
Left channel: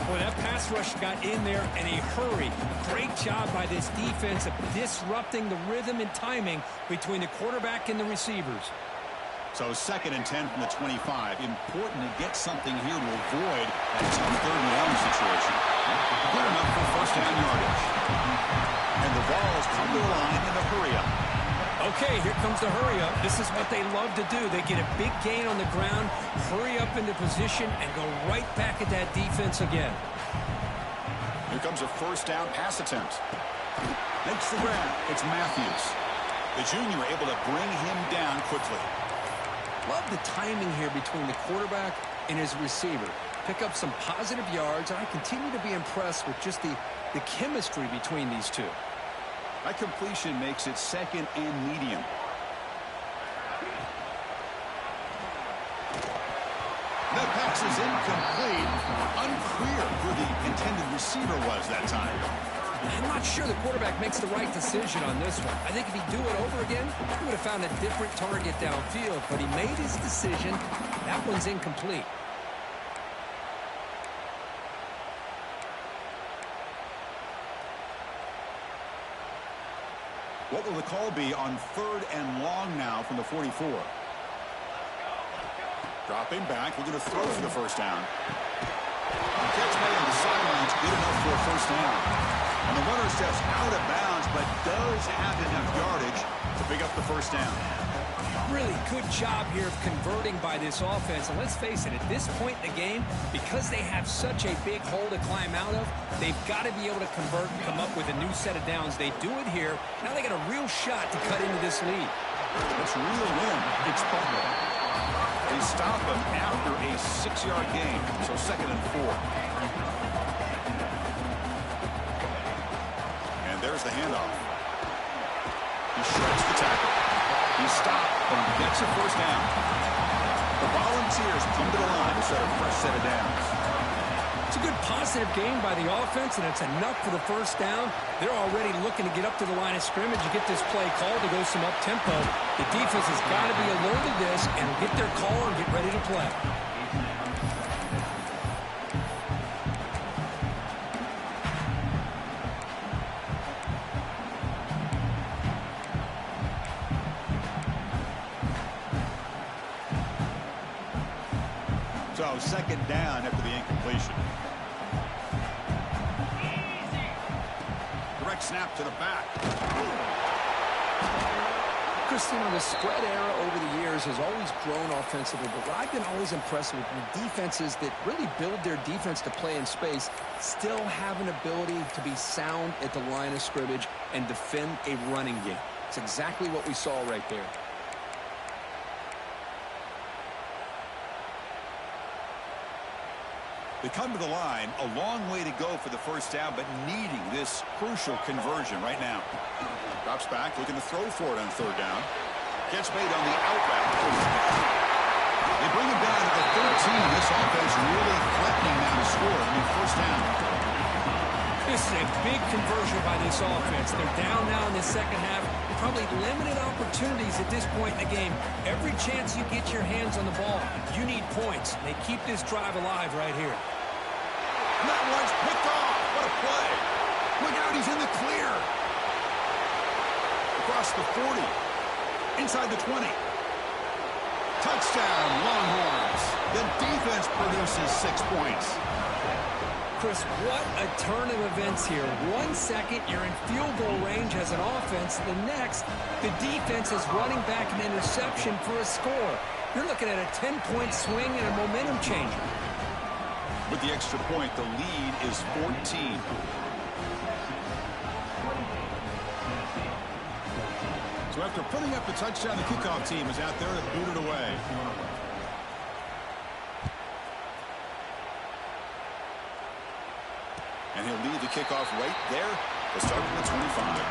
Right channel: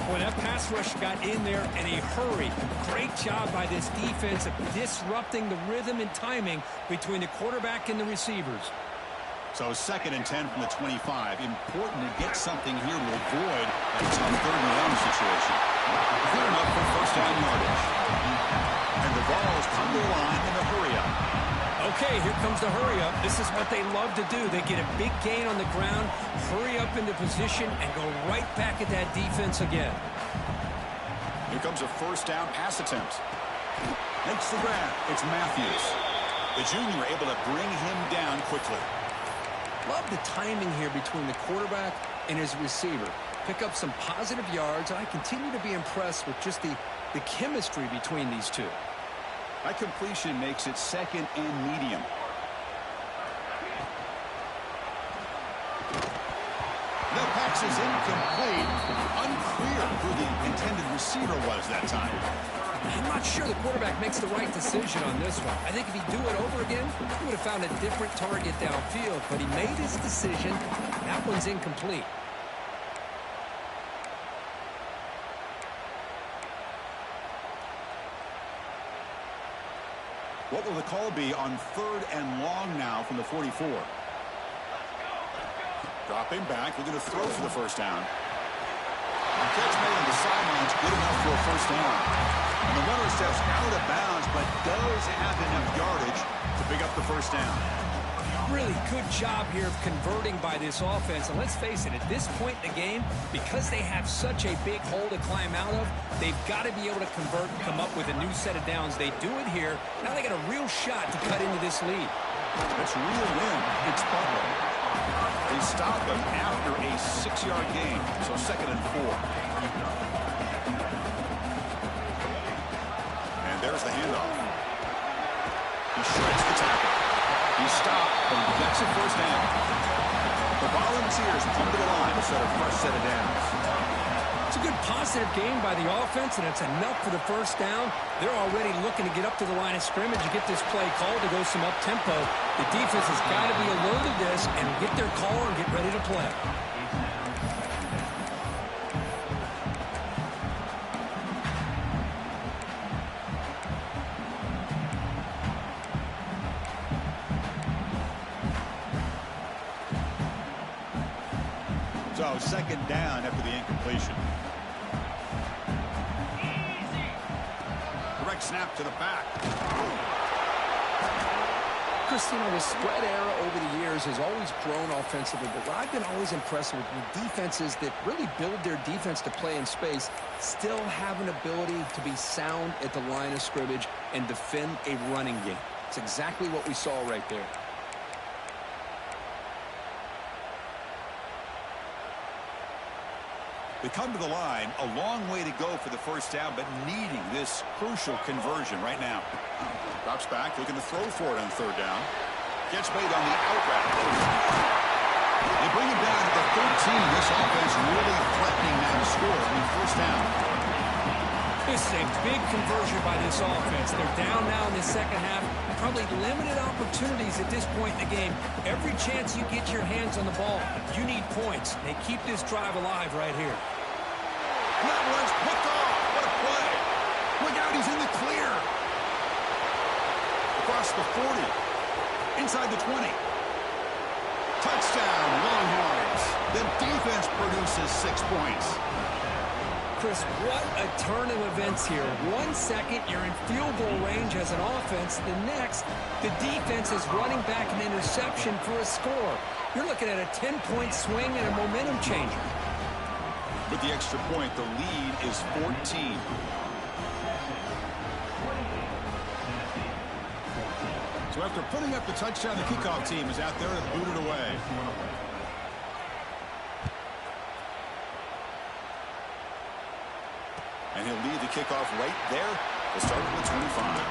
Boy, that pass rush got in there in a hurry. Great job by this defense of disrupting the rhythm and timing between the quarterback and the receivers. So 2nd and 10 from the 25. Important to get something here to avoid that tough third and down situation. Good enough for first down yardage. And the Vols come to the line in the hurry-up. Okay, here comes the hurry-up. This is what they love to do. They get a big gain on the ground, hurry up into position, and go right back at that defense again. Here comes a first down pass attempt. Makes the grab. It's Matthews. The junior able to bring him down quickly. Love the timing here between the quarterback and his receiver. Pick up some positive yards, and I continue to be impressed with just the chemistry between these two. That completion makes it 2nd and medium. The pass is incomplete. Unclear who the intended receiver was that time. I'm not sure the quarterback makes the right decision on this one. I think if he'd do it over again, he would have found a different target downfield, but he made his decision. That one's incomplete. What will the call be on 3rd and long now from the 44? Dropping back, looking to throw for the first down. The catch made on the sidelines, good enough for a first down. And the runner steps out of bounds, but does have enough yardage to pick up the first down. Really good job here of converting by this offense. And let's face it, at this point in the game, because they have such a big hole to climb out of, they've got to be able to convert and come up with a new set of downs. They do it here. Now they got a real shot to cut into this lead. That's reeled in. It's Butler. They stop him after a 6-yard gain, so 2nd and 4. And there's the handoff. He shreds the tackle. He stopped, but he gets a first down. The Volunteers come to the line to set a fresh set of downs. It's a good positive game by the offense, and it's enough for the first down. They're already looking to get up to the line of scrimmage and get this play called to go some up-tempo. The defense has got to be alert of this and get their call and get ready to play. So 2nd down after the incompletion. Direct snap to the back. Chris, you know, the spread era over the years has always grown offensively, but what I've been always impressed with defenses that really build their defense to play in space still have an ability to be sound at the line of scrimmage and defend a running game. It's exactly what we saw right there. They come to the line, a long way to go for the first down, but needing this crucial conversion right now. Drops back, looking to throw for it on third down. Gets made on the out route. They bring him down to the 13. This offense really threatening now to score. First down. This is a big conversion by this offense. They're down now in the second half. Probably limited opportunities at this point in the game. Every chance you get your hands on the ball, you need points. They keep this drive alive right here. And that one's picked off. What a play. Look out, he's in the clear. Across the 40. Inside the 20. Touchdown, Longhorns. The defense produces 6 points. Chris, what a turn of events here. 1 second, you're in field goal range as an offense. The next, the defense is running back an interception for a score. You're looking at a 10-point swing and a momentum changer. With the extra point, the lead is 14. So after putting up the touchdown, the kickoff team is out there to boot it away. And he'll lead the kickoff right there. We'll start from the 25.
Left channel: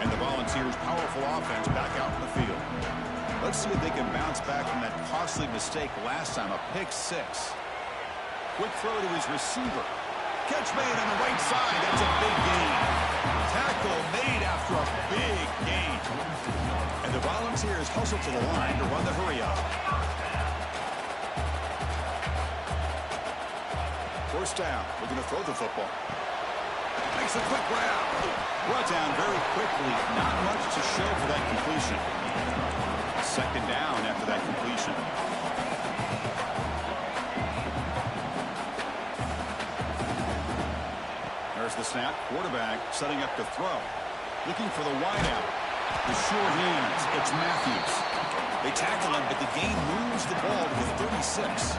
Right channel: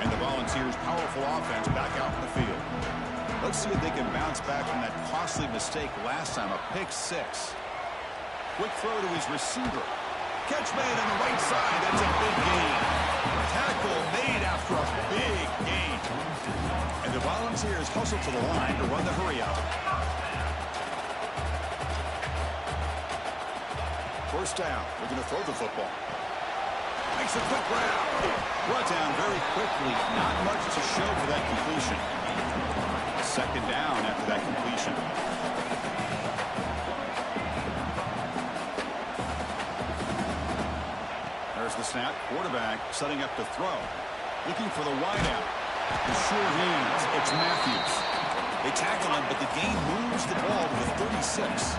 And the Volunteers' powerful offense back out in the field. Let's see if they can bounce back from that costly mistake last time, a pick six. Quick throw to his receiver. Catch made on the right side. That's a big gain. Tackle made after a big gain. And the Volunteers hustle to the line to run the hurry up. First down. We're going to throw the football. Makes a quick grab. Brought down very quickly. Not much to show for that completion. Second down after that completion. There's the snap. Quarterback setting up to throw. Looking for the wideout. The sure hands. It's Matthews. They tackle him, but the game moves the ball to the 36.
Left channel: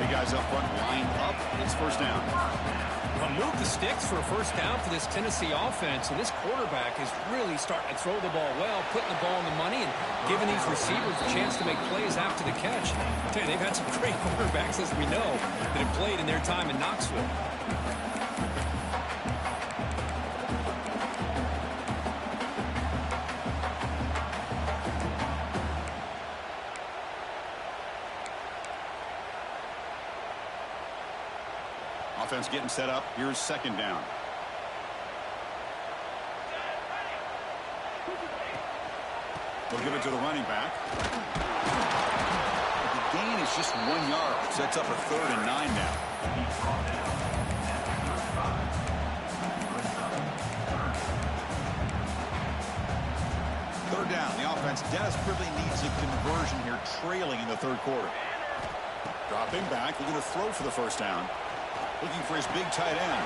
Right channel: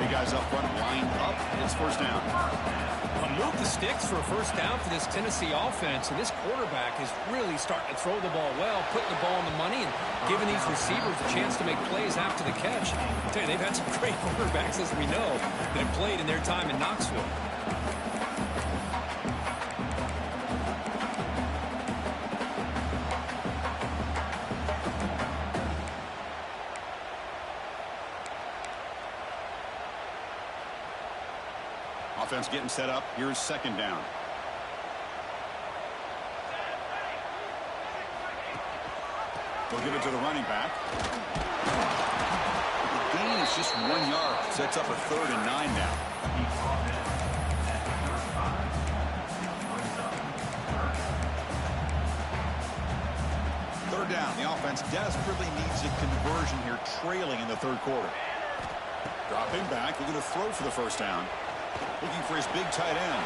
Big guys up front lined up. It's first down. Well, move the sticks for a first down for this Tennessee offense. And this quarterback is really starting to throw the ball well, putting the ball in the money, and giving these receivers a chance to make plays after the catch. I'll tell you, they've had some great quarterbacks, as we know, that have played in their time in Knoxville. Offense getting set up. Here's second down. They'll give it to the running back. The gain is just 1 yard. Sets up a 3rd and 9 now. Third down. The offense desperately needs a conversion here, trailing in the third quarter. Dropping back. Looking to throw for the first down. Looking for his big tight end.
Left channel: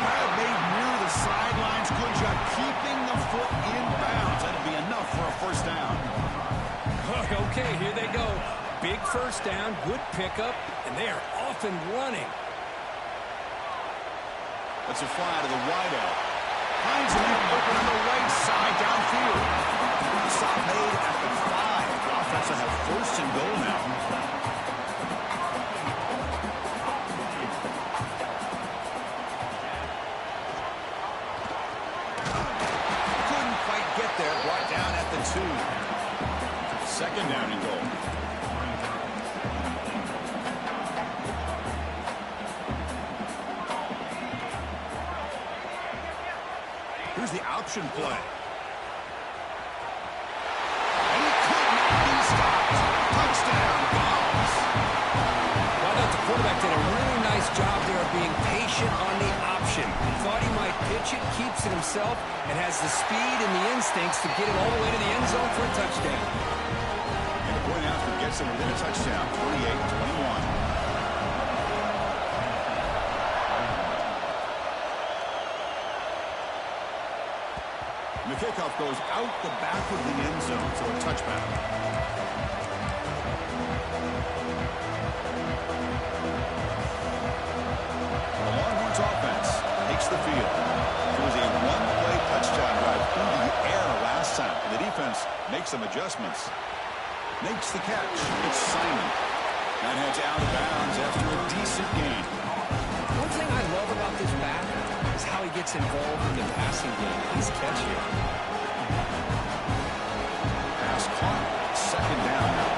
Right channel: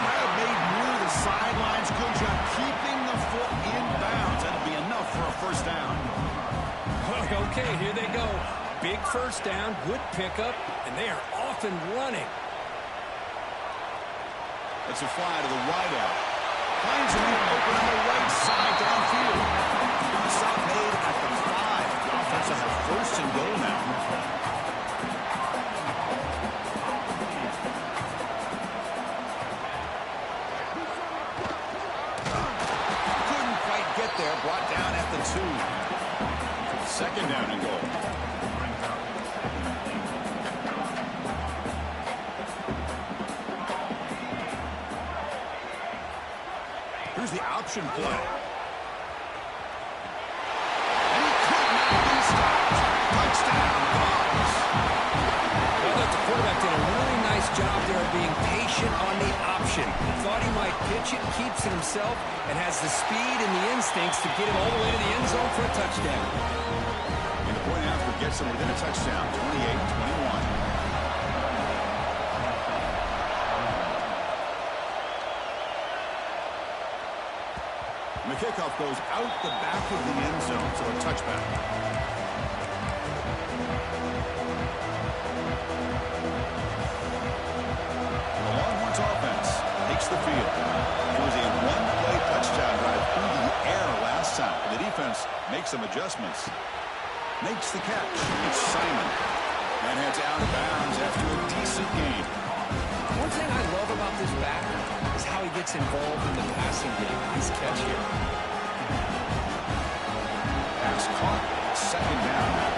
Grab made near the sidelines. Good job keeping the foot in bounds. That'll be enough for a first down. Okay, here they go. Big first down, good pickup, and they are off and running. Let's a fly to the wideout. Finds a man open on the right side downfield. Stop made at the 5. The offense will have first and goal now. Get there, brought down at the 2. Second down and goal. Here's the option play. And he could not be stopped. Touchdown, Vols. Well, I thought the quarterback did a really nice job there of being patient on the option. Thought he might pitch it, keeps it himself, and has the speed and the instincts to get it all the way to the end zone for a touchdown. And the gets them within a touchdown, 28-21. The kickoff goes out the back of the end zone, so a touchback. The Longhorns offense takes the field. It was a one-play touchdown drive through the air last time. The defense makes some adjustments. Makes the catch. It's Simon. And heads out of bounds after a decent gain. One thing I love about this back is how he gets involved in the passing game. Nice catch here. Pass caught. Second down now.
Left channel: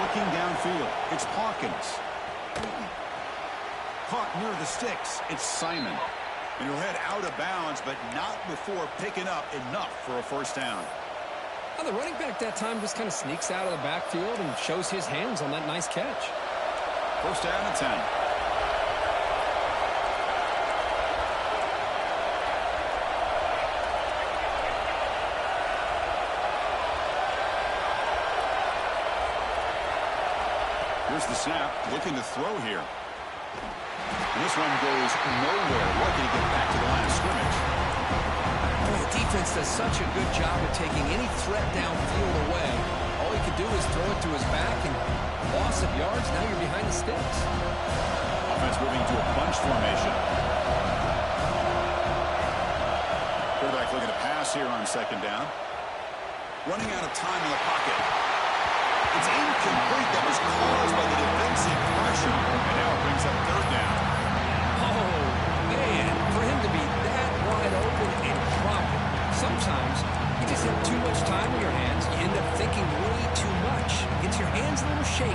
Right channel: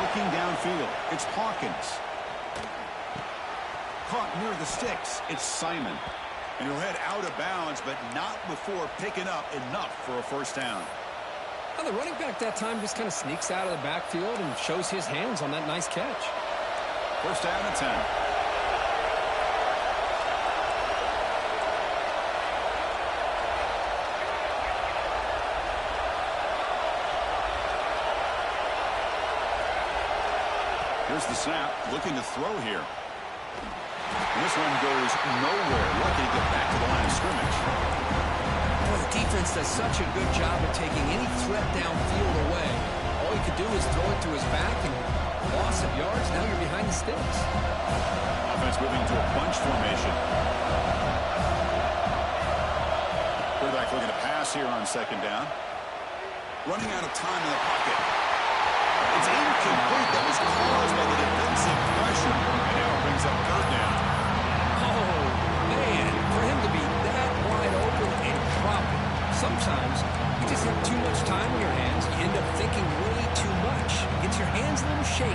Looking downfield. It's Hawkins. Caught near the sticks. It's Simon. And he'll head out of bounds, but not before picking up enough for a first down. Well, the running back that time just kind of sneaks out of the backfield and shows his hands on that nice catch. First down at 10. Here's the snap. Looking to throw here. And this one goes nowhere. Lucky to get back to the line of scrimmage. Boy, the defense does such a good job of taking any threat downfield away. All he could do is throw it to his back, and loss of yards, now you're behind the sticks. Offense moving to a bunch formation. Quarterback looking to pass here on second down. Running out of time in the pocket. It's incomplete. That was caused by the defensive pressure. And now it brings up third down. Oh, man, for him to be that wide open and drop it. Sometimes you just have too much time in your hands. You end up thinking way too much. Gets your hands a little shaky.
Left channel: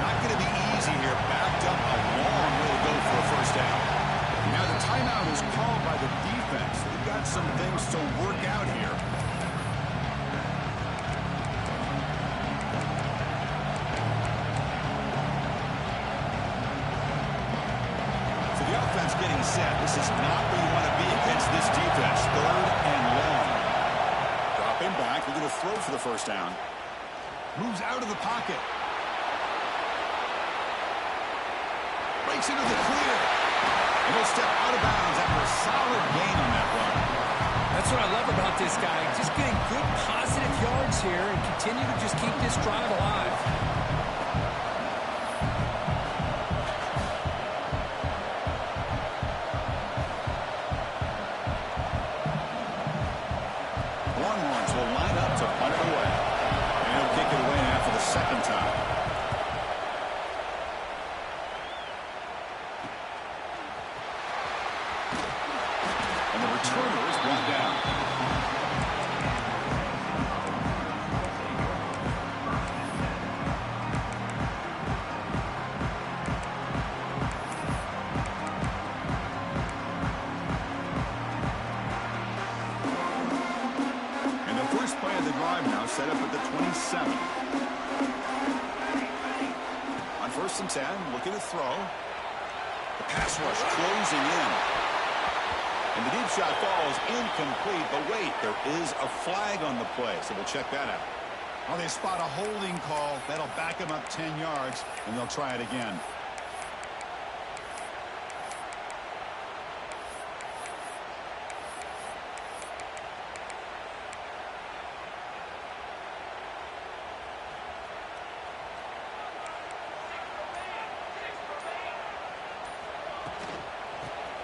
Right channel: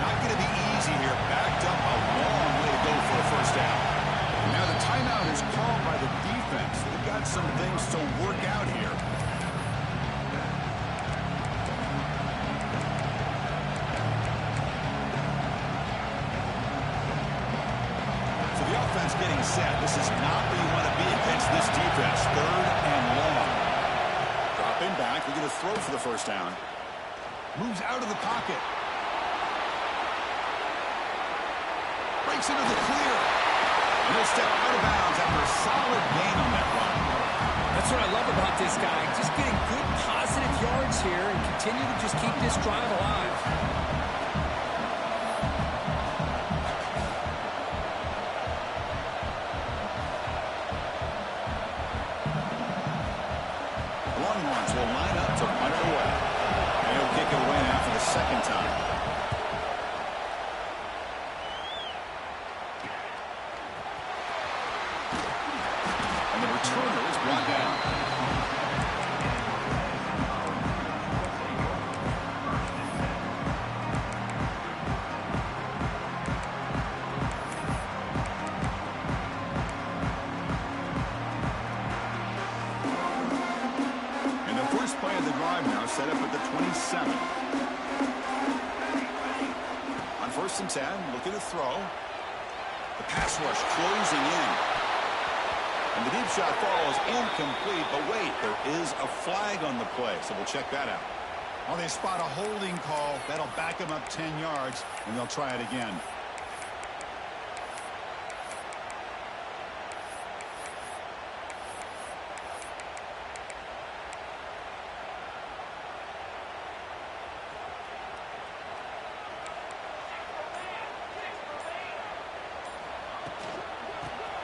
Not going to be easy here. Backed up a long way to go for a first down. Now the timeout is called by the defense. They've got some things to work out here. So the offense getting set. This is not where you want to be against this defense. Third and long. Dropping back. Looking to throw for the first down. Moves out of the pocket. Breaks into the clear. And he'll step out of bounds after a solid gain on that run. That's what I love about this guy. Just getting good positive yards here and continue to just keep this drive alive. The Longhorns will line up to punt it away. And he'll kick it away now for the second time. And the returner is brought down. And the first play of the drive now set up at the 27. On first and 10, looking to throw. The pass rush closing in. And the deep shot falls incomplete, but wait, there is a flag on the play, so we'll check that out. Well, they spot a holding call. That'll back them up 10 yards, and they'll try it again.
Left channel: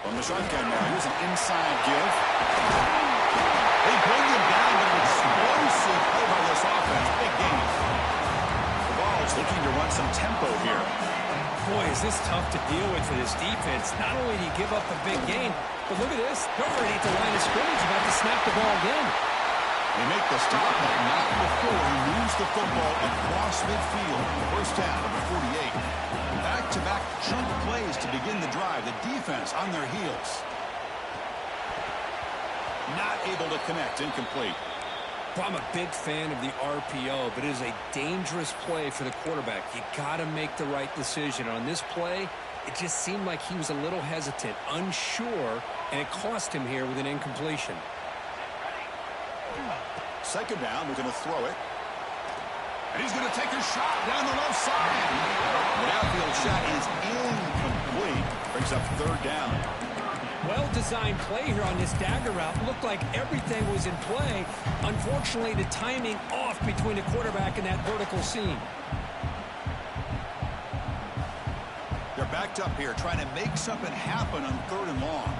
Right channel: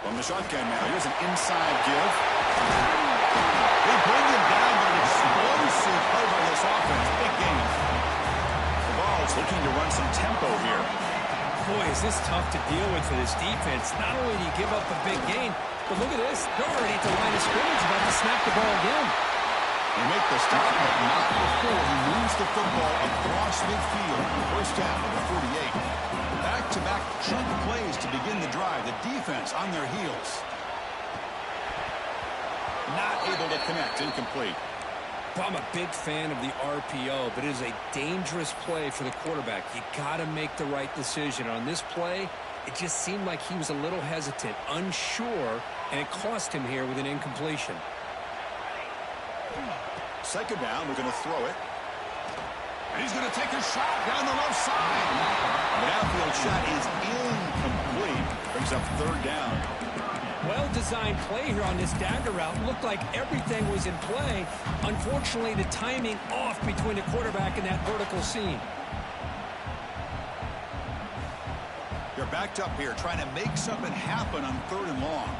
From the shotgun now, here's an inside give. They bring him down, but an explosive play by this offense. Big game. The ball's looking to run some tempo here. Boy, is this tough to deal with for this defense. Not only do you give up a big gain, but look at this. They're already at the line of scrimmage, about to snap the ball again. They make the stop, but not before he moves the football across midfield. First down at the 48. Back-to-back chunk plays to begin the drive. The defense on their heels. Not able to connect. Incomplete. Well, I'm a big fan of the RPO, but it is a dangerous play for the quarterback. You got to make the right decision. On this play, It just seemed like he was a little hesitant, unsure, and it cost him here with an incompletion. Second down, we're going to throw it. And he's going to take a shot down the left side. The outfield shot is incomplete. Brings up third down. Well-designed play here on this dagger route. Looked like everything was in play. Unfortunately, the timing off between the quarterback and that vertical seam. They're backed up here, trying to make something happen on third and long.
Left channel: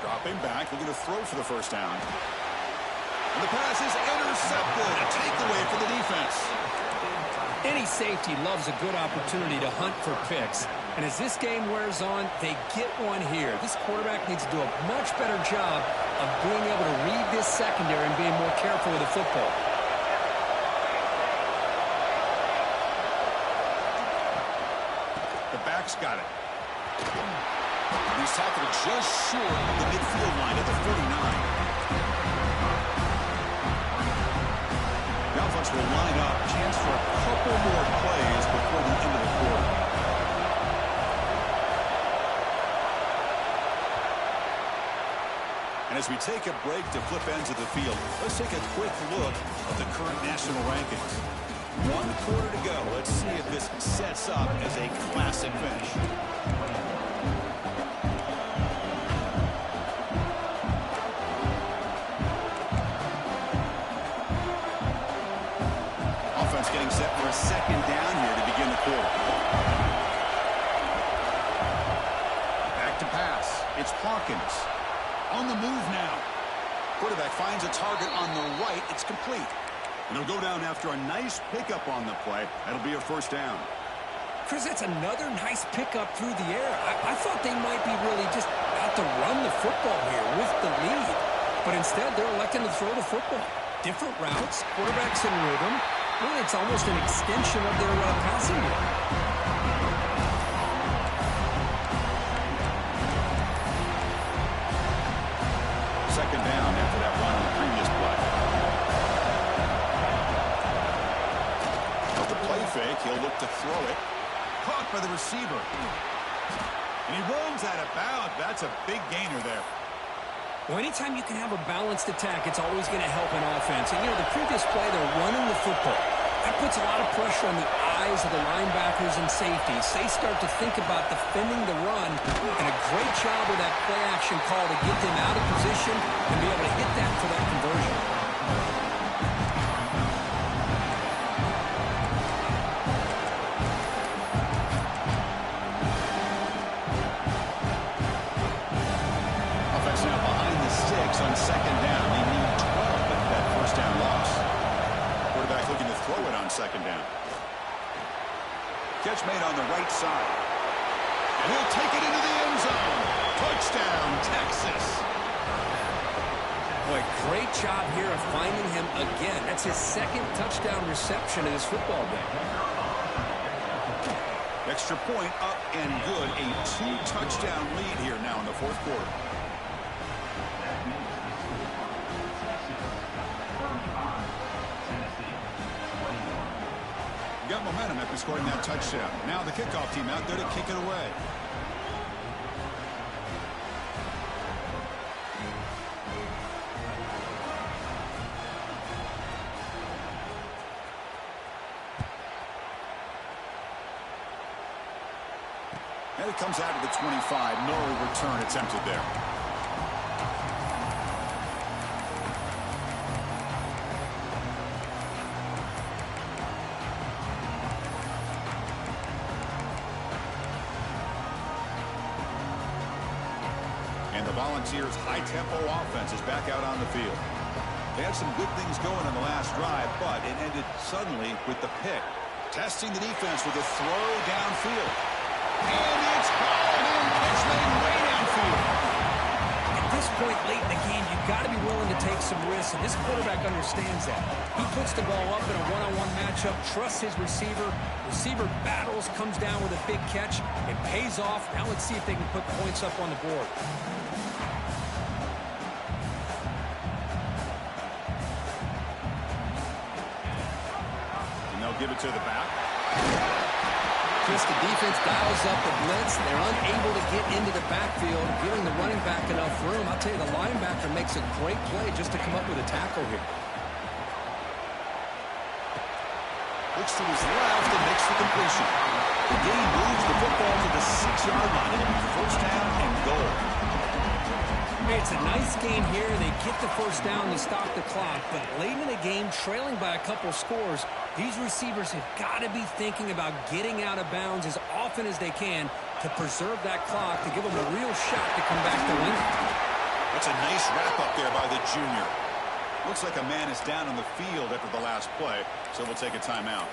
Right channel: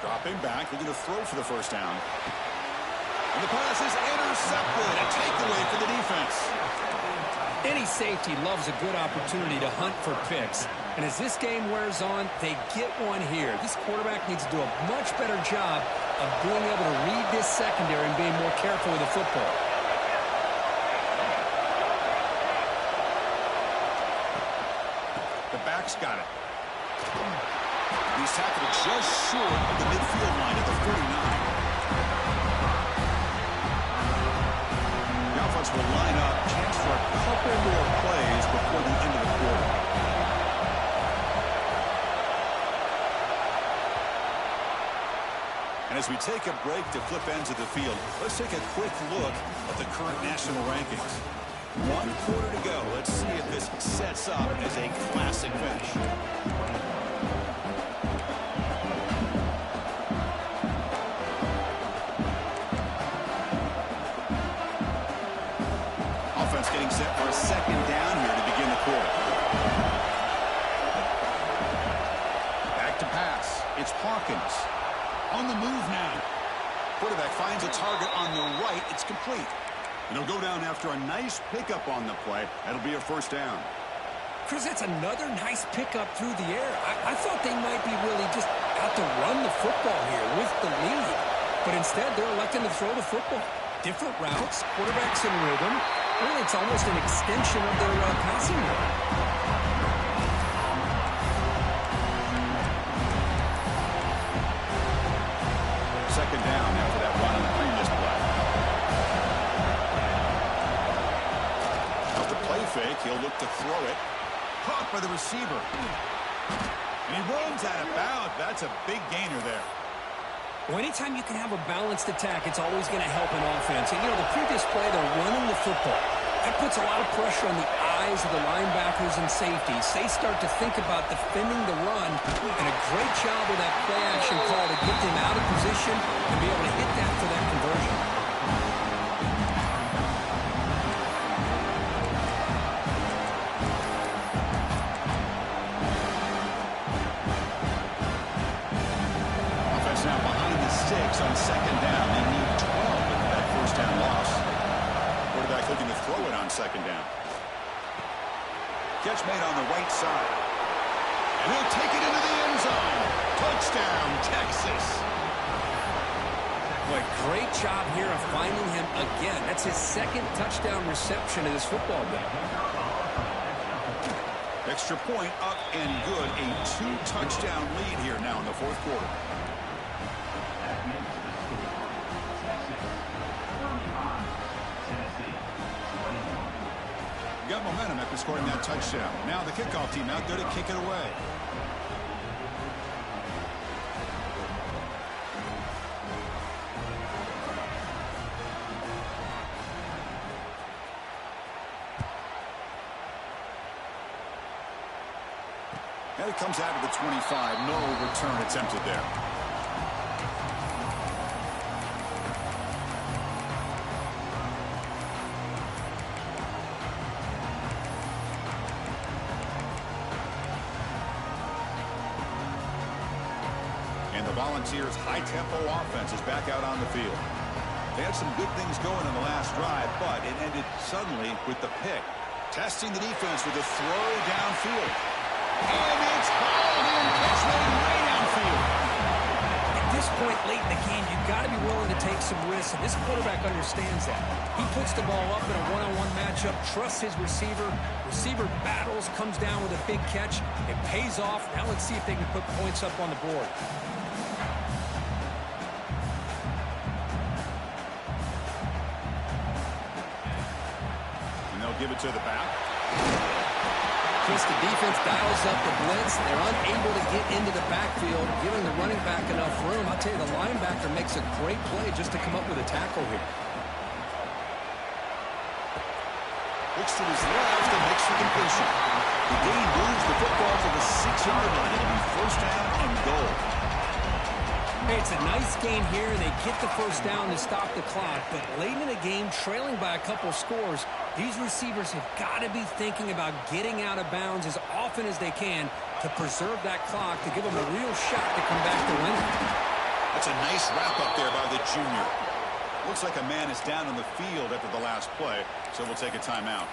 Dropping back, looking to throw for the first down. And the pass is intercepted. A takeaway for the defense. Any safety loves a good opportunity to hunt for picks. And as this game wears on, they get one here. This quarterback needs to do a much better job of being able to read this secondary and being more careful with the football. The back's got it. He's tackled just short of the midfield line at the 49. The offense will line up. Chance for a couple more plays before the end of the quarter. And as we take a break to flip ends of the field, let's take a quick look at the current national rankings. 1 quarter to go. Let's see if this sets up as a classic finish. Offense getting set for a second down here to begin the quarter. Back to pass. It's Hawkins. On the move now. Quarterback finds a target on the right. It's complete. And he'll go down after a nice pickup on the play. That'll be a first down. Chris, that's another nice pickup through the air. I thought they might be really just out to run the football here with the lead. But instead, they're electing to throw the football. Different routes, quarterbacks in rhythm. Really, it's almost an extension of their passing game. Second down after that run on the previous play. Off the play fake, he'll look to throw it. Caught by the receiver. And he runs out of bounds. That's a big gainer there. Well, anytime you can have a balanced attack, it's always going to help an offense. And, you know, the previous play, they're running the football. That puts a lot of pressure on the eyes of the linebackers and safeties. They start to think about defending the run, and a great job with that play-action call to get them out of position and be able to hit that for that conversion. Offense now behind the 6 on second down. They need 12 with that first down loss. Quarterback looking to throw it on second down. Catch made on the right side. And he'll take it into the end zone. Touchdown, Texas. Boy, great job here of finding him again. That's his second touchdown reception of this football game. Extra point up and good. A 2-touchdown lead here now in the fourth quarter. Got momentum after scoring that touchdown. Now the kickoff team out there to kick it away. And it comes out to the 25. No return attempted there. Volunteers' high-tempo offense is back out on the field. They had some good things going on the last drive, but it ended suddenly with the pick. Testing the defense with a throw downfield. And it's hauled in. Catch made way downfield. At this point late in the game, you've got to be willing to take some risks, and this quarterback understands that. He puts the ball up in a one-on-one matchup, trusts his receiver. Receiver battles, comes down with a big catch. It pays off. Now let's see if they can put points up on the board. Give it to the back. Chris, the defense dials up the blitz. They're unable to get into the backfield, giving the running back enough room. I'll tell you, the linebacker makes a great play just to come up with a tackle here. Looks to his left and makes the completion. The gain moves the football to the 6-yard line. It'll be first down and goal. Hey, it's a nice gain here. They get the first down to stop the clock, but late in the game, trailing by a couple scores, these receivers have got to be thinking about getting out of bounds as often as they can to preserve that clock, to give them a real shot to come back to win it. That's a nice wrap-up there by the junior. Looks like a man is down on the field after the last play, so we'll take a timeout.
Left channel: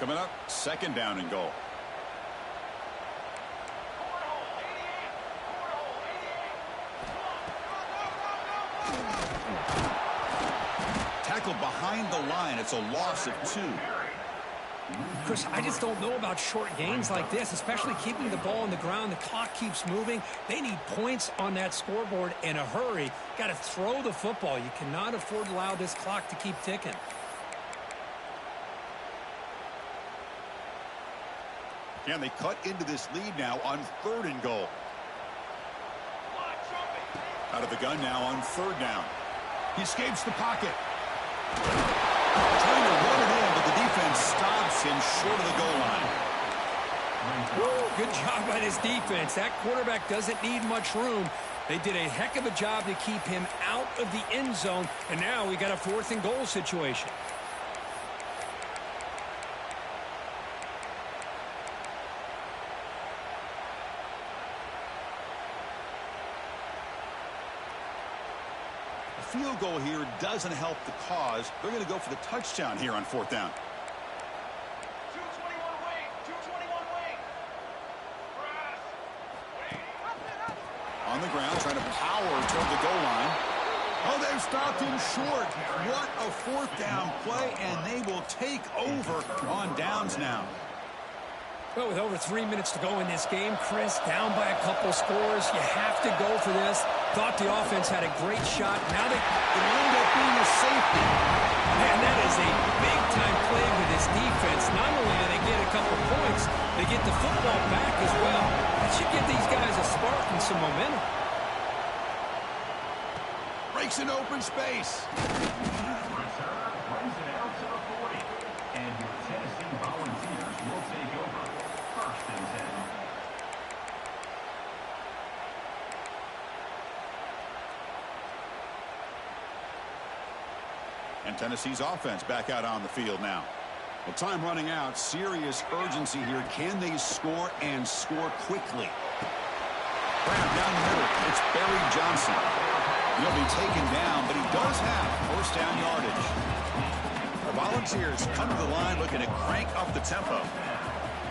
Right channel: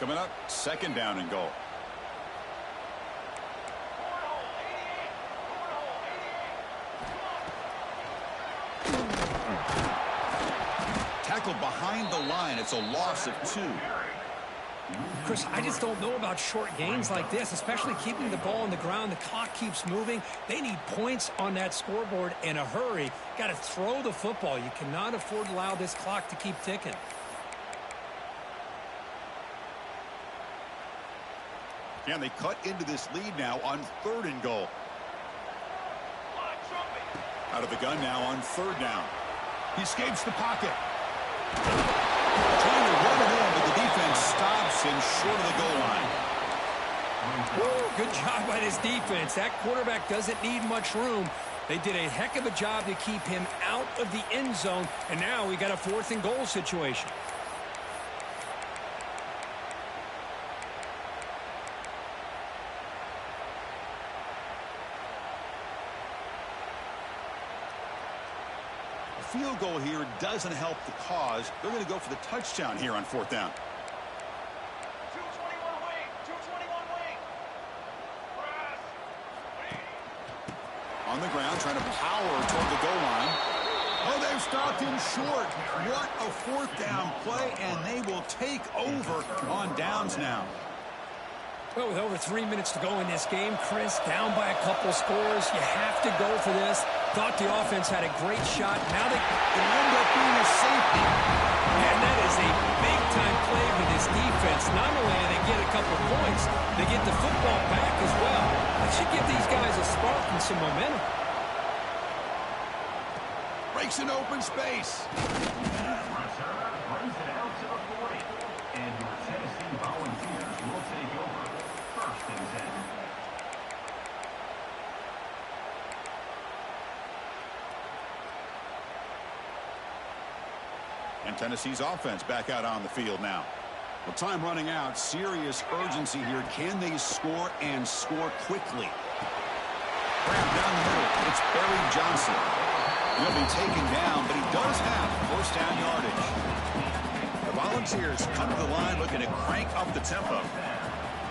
Coming up, second down and goal. Tackled behind the line. It's a loss of 2. Chris, I just don't know about short gains like this, especially keeping the ball on the ground. The clock keeps moving. They need points on that scoreboard in a hurry. Got to throw the football. You cannot afford to allow this clock to keep ticking. Can they cut into this lead now on 3rd and goal? Out of the gun now on 3rd down. He escapes the pocket. Trying to run it in, but the defense stops him short of the goal line. Woo, good job by this defense. That quarterback doesn't need much room. They did a heck of a job to keep him out of the end zone, and now we got a 4th and goal situation. Field goal here doesn't help the cause. They're going to go for the touchdown here on 4th down. 221 wing, 221 wing. Press. On the ground, trying to power toward the goal line. Oh, they've stopped him short. What a 4th down play, and they will take over on downs now. Well, with over 3 minutes to go in this game, Chris, down by a couple scores, you have to go for this. Thought the offense had a great shot. Now they end up being a safety. Man, that is a big-time play for this defense. Not only do they get a couple points, they get the football back as well. That should give these guys a spark and some momentum. Breaks an open space. Return brings it out to the 40. And your Tennessee Volunteers will take over. 1st and 10. And Tennessee's offense back out on the field now. Well, time running out. Serious urgency here. Can they score and score quickly? Grab down the middle. It's Barry Johnson. He'll be taken down, but he does have 1st down yardage. The Volunteers come to the line looking to crank up the tempo.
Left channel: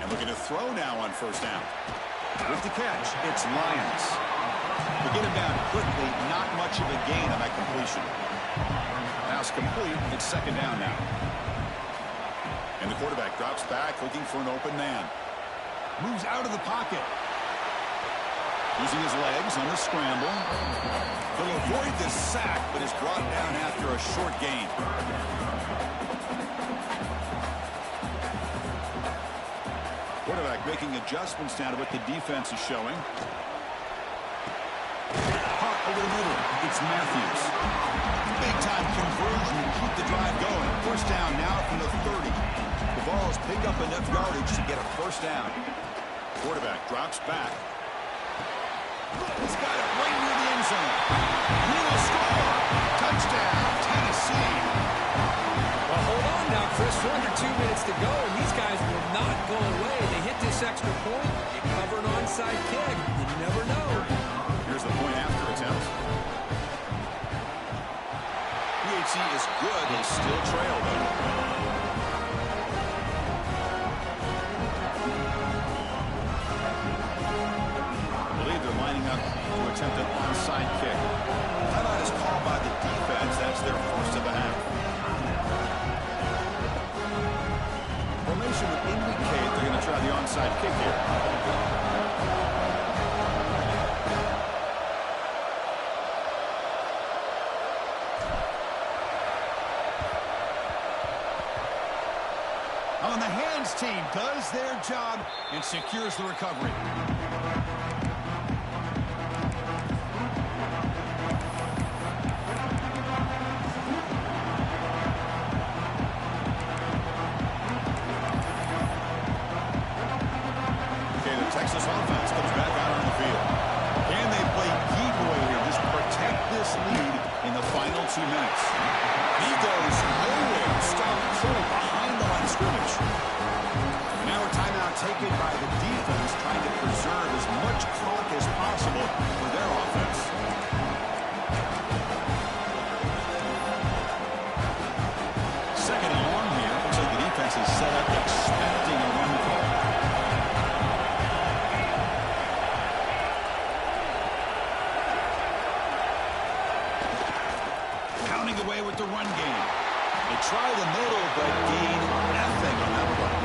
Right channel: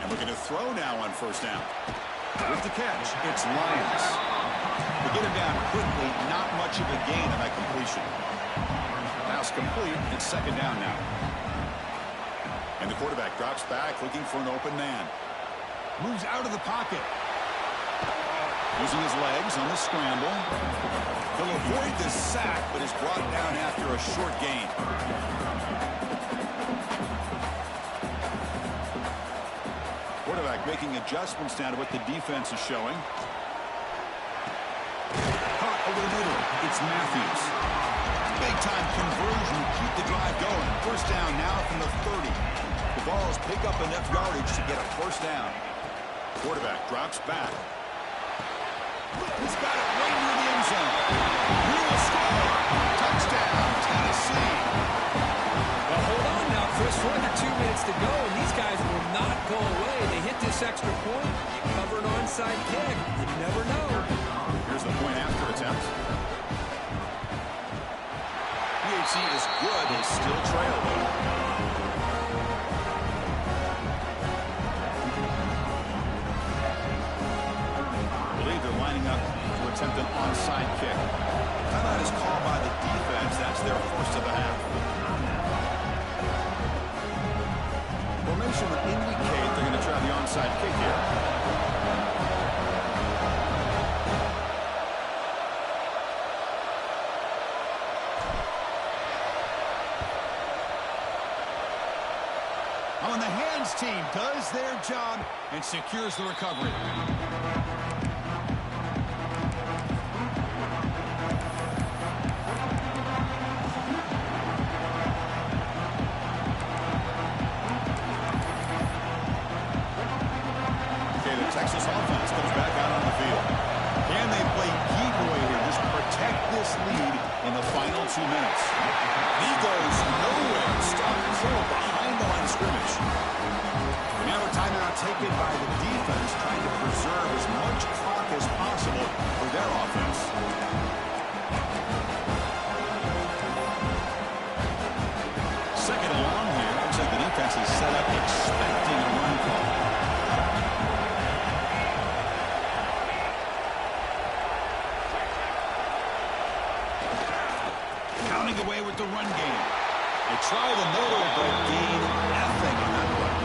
And looking to throw now on 1st down. With the catch, it's Lyons. They get him down quickly. Not much of a gain on that completion. Pass complete. It's 2nd down now. And the quarterback drops back looking for an open man. Moves out of the pocket. Using his legs on the scramble. He'll avoid the sack, but is brought down after a short gain. Quarterback making adjustments now to what the defense is showing. Caught over the middle. It's Matthews. Big-time conversion to keep the drive going. 1st down now from the 30. The Vols pick up enough yardage to get a 1st down. Quarterback drops back. He's got it right near the end zone. He will score. Touchdown, Tennessee. Well, hold on now, Chris. We're under 2 minutes to go, and these guys will not go away. They hit this extra point. You cover an onside kick. You never know. Here's the point after attempt. He efficiency is good. They still trail, though. I believe they're lining up to attempt an onside kick. Timeout is called by the defense. That's their first of the half. Formation would indicate they're going to try the onside kick here. On the hands team does their job and secures the recovery. Okay, the Texas offense comes back out on the field. Can they play keep away here? Just protect this lead in the final 2 minutes. He goes nowhere. Stop cold behind the line of scrimmage. And now a timeout taken by the defense, trying to preserve as much clock as possible for their offense. Second and long here. Looks like the defense is set up expecting a run call. Counting away with the run game. They try the middle, but gain nothing on that play.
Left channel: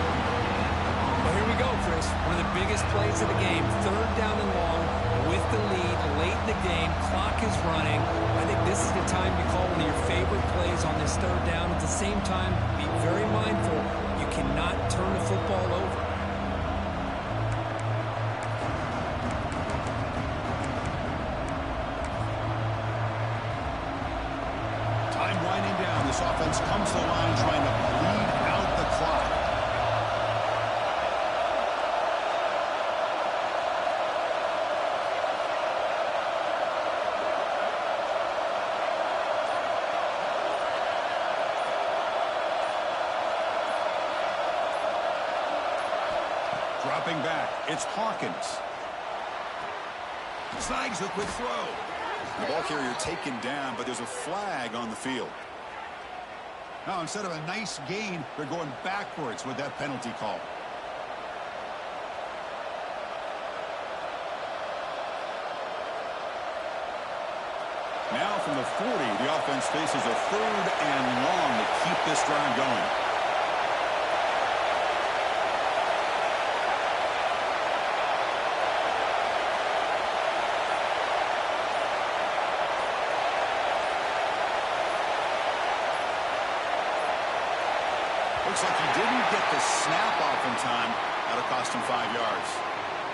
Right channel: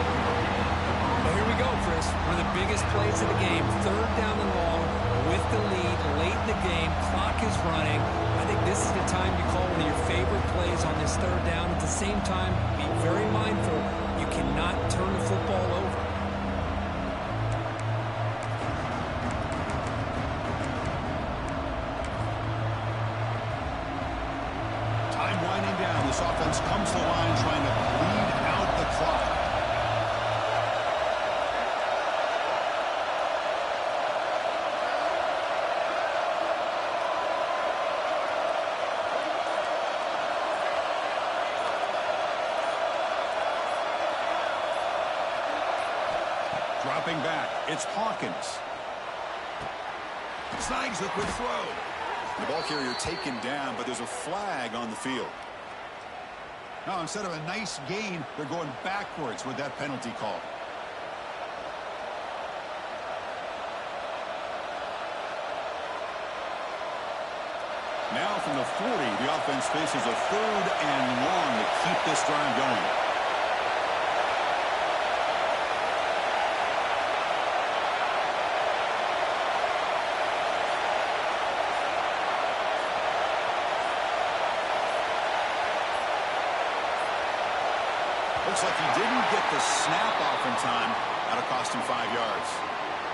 Well, here we go, Chris. One of the biggest plays of the game. Third down and long with the lead late in the game. Clock is running. I think this is the time you call one of your favorite plays on this third down. At the same time, be very mindful. You cannot turn the football over. Time winding down. This offense comes to the line trying to bleed out the clock. Dropping back. It's Hawkins. Snags the quick throw. The ball carrier taken down, but there's a flag on the field. Now, instead of a nice gain, they're going backwards with that penalty call. Now from the 40, the offense faces a third and long to keep this drive going. Looks like he didn't get the snap off in time. That'll cost him 5 yards.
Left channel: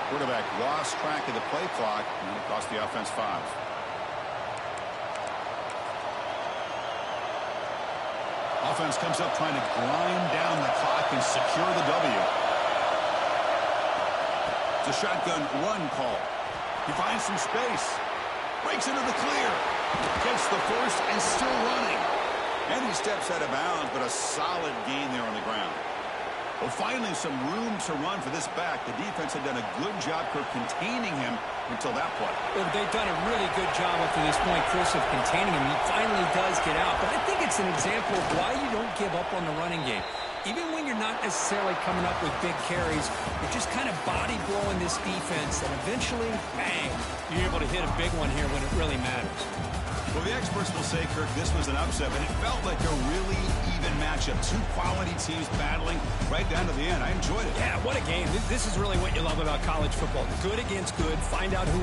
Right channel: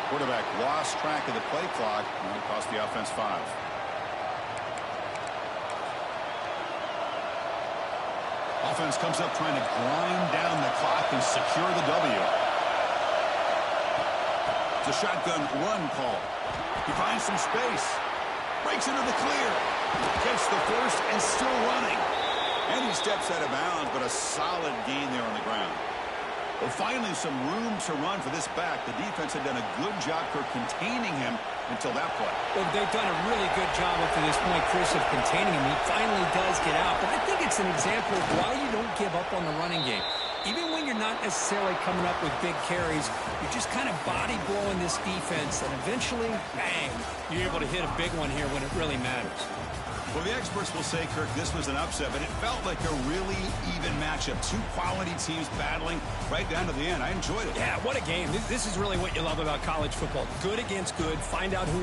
Quarterback lost track of the play clock, and that'll cost the offense 5. Offense comes up trying to grind down the clock and secure the W. It's a shotgun run call. He finds some space. Breaks into the clear. Gets the first and still running. And he steps out of bounds, but a solid gain there on the ground. Well, finally some room to run for this back. The defense had done a good job containing him until that play. Well, they've done a really good job up to this point, Chris, of containing him. He finally does get out, but I think it's an example of why you don't give up on the running game. Even when you're not necessarily coming up with big carries, you're just kind of body blowing this defense, and eventually, bang, you're able to hit a big one here when it really matters. Well, the experts will say, Kirk, this was an upset, but it felt like a really even matchup. Two quality teams battling right down to the end. I enjoyed it. Yeah, what a game. This is really what you love about college football. Good against good. Find out who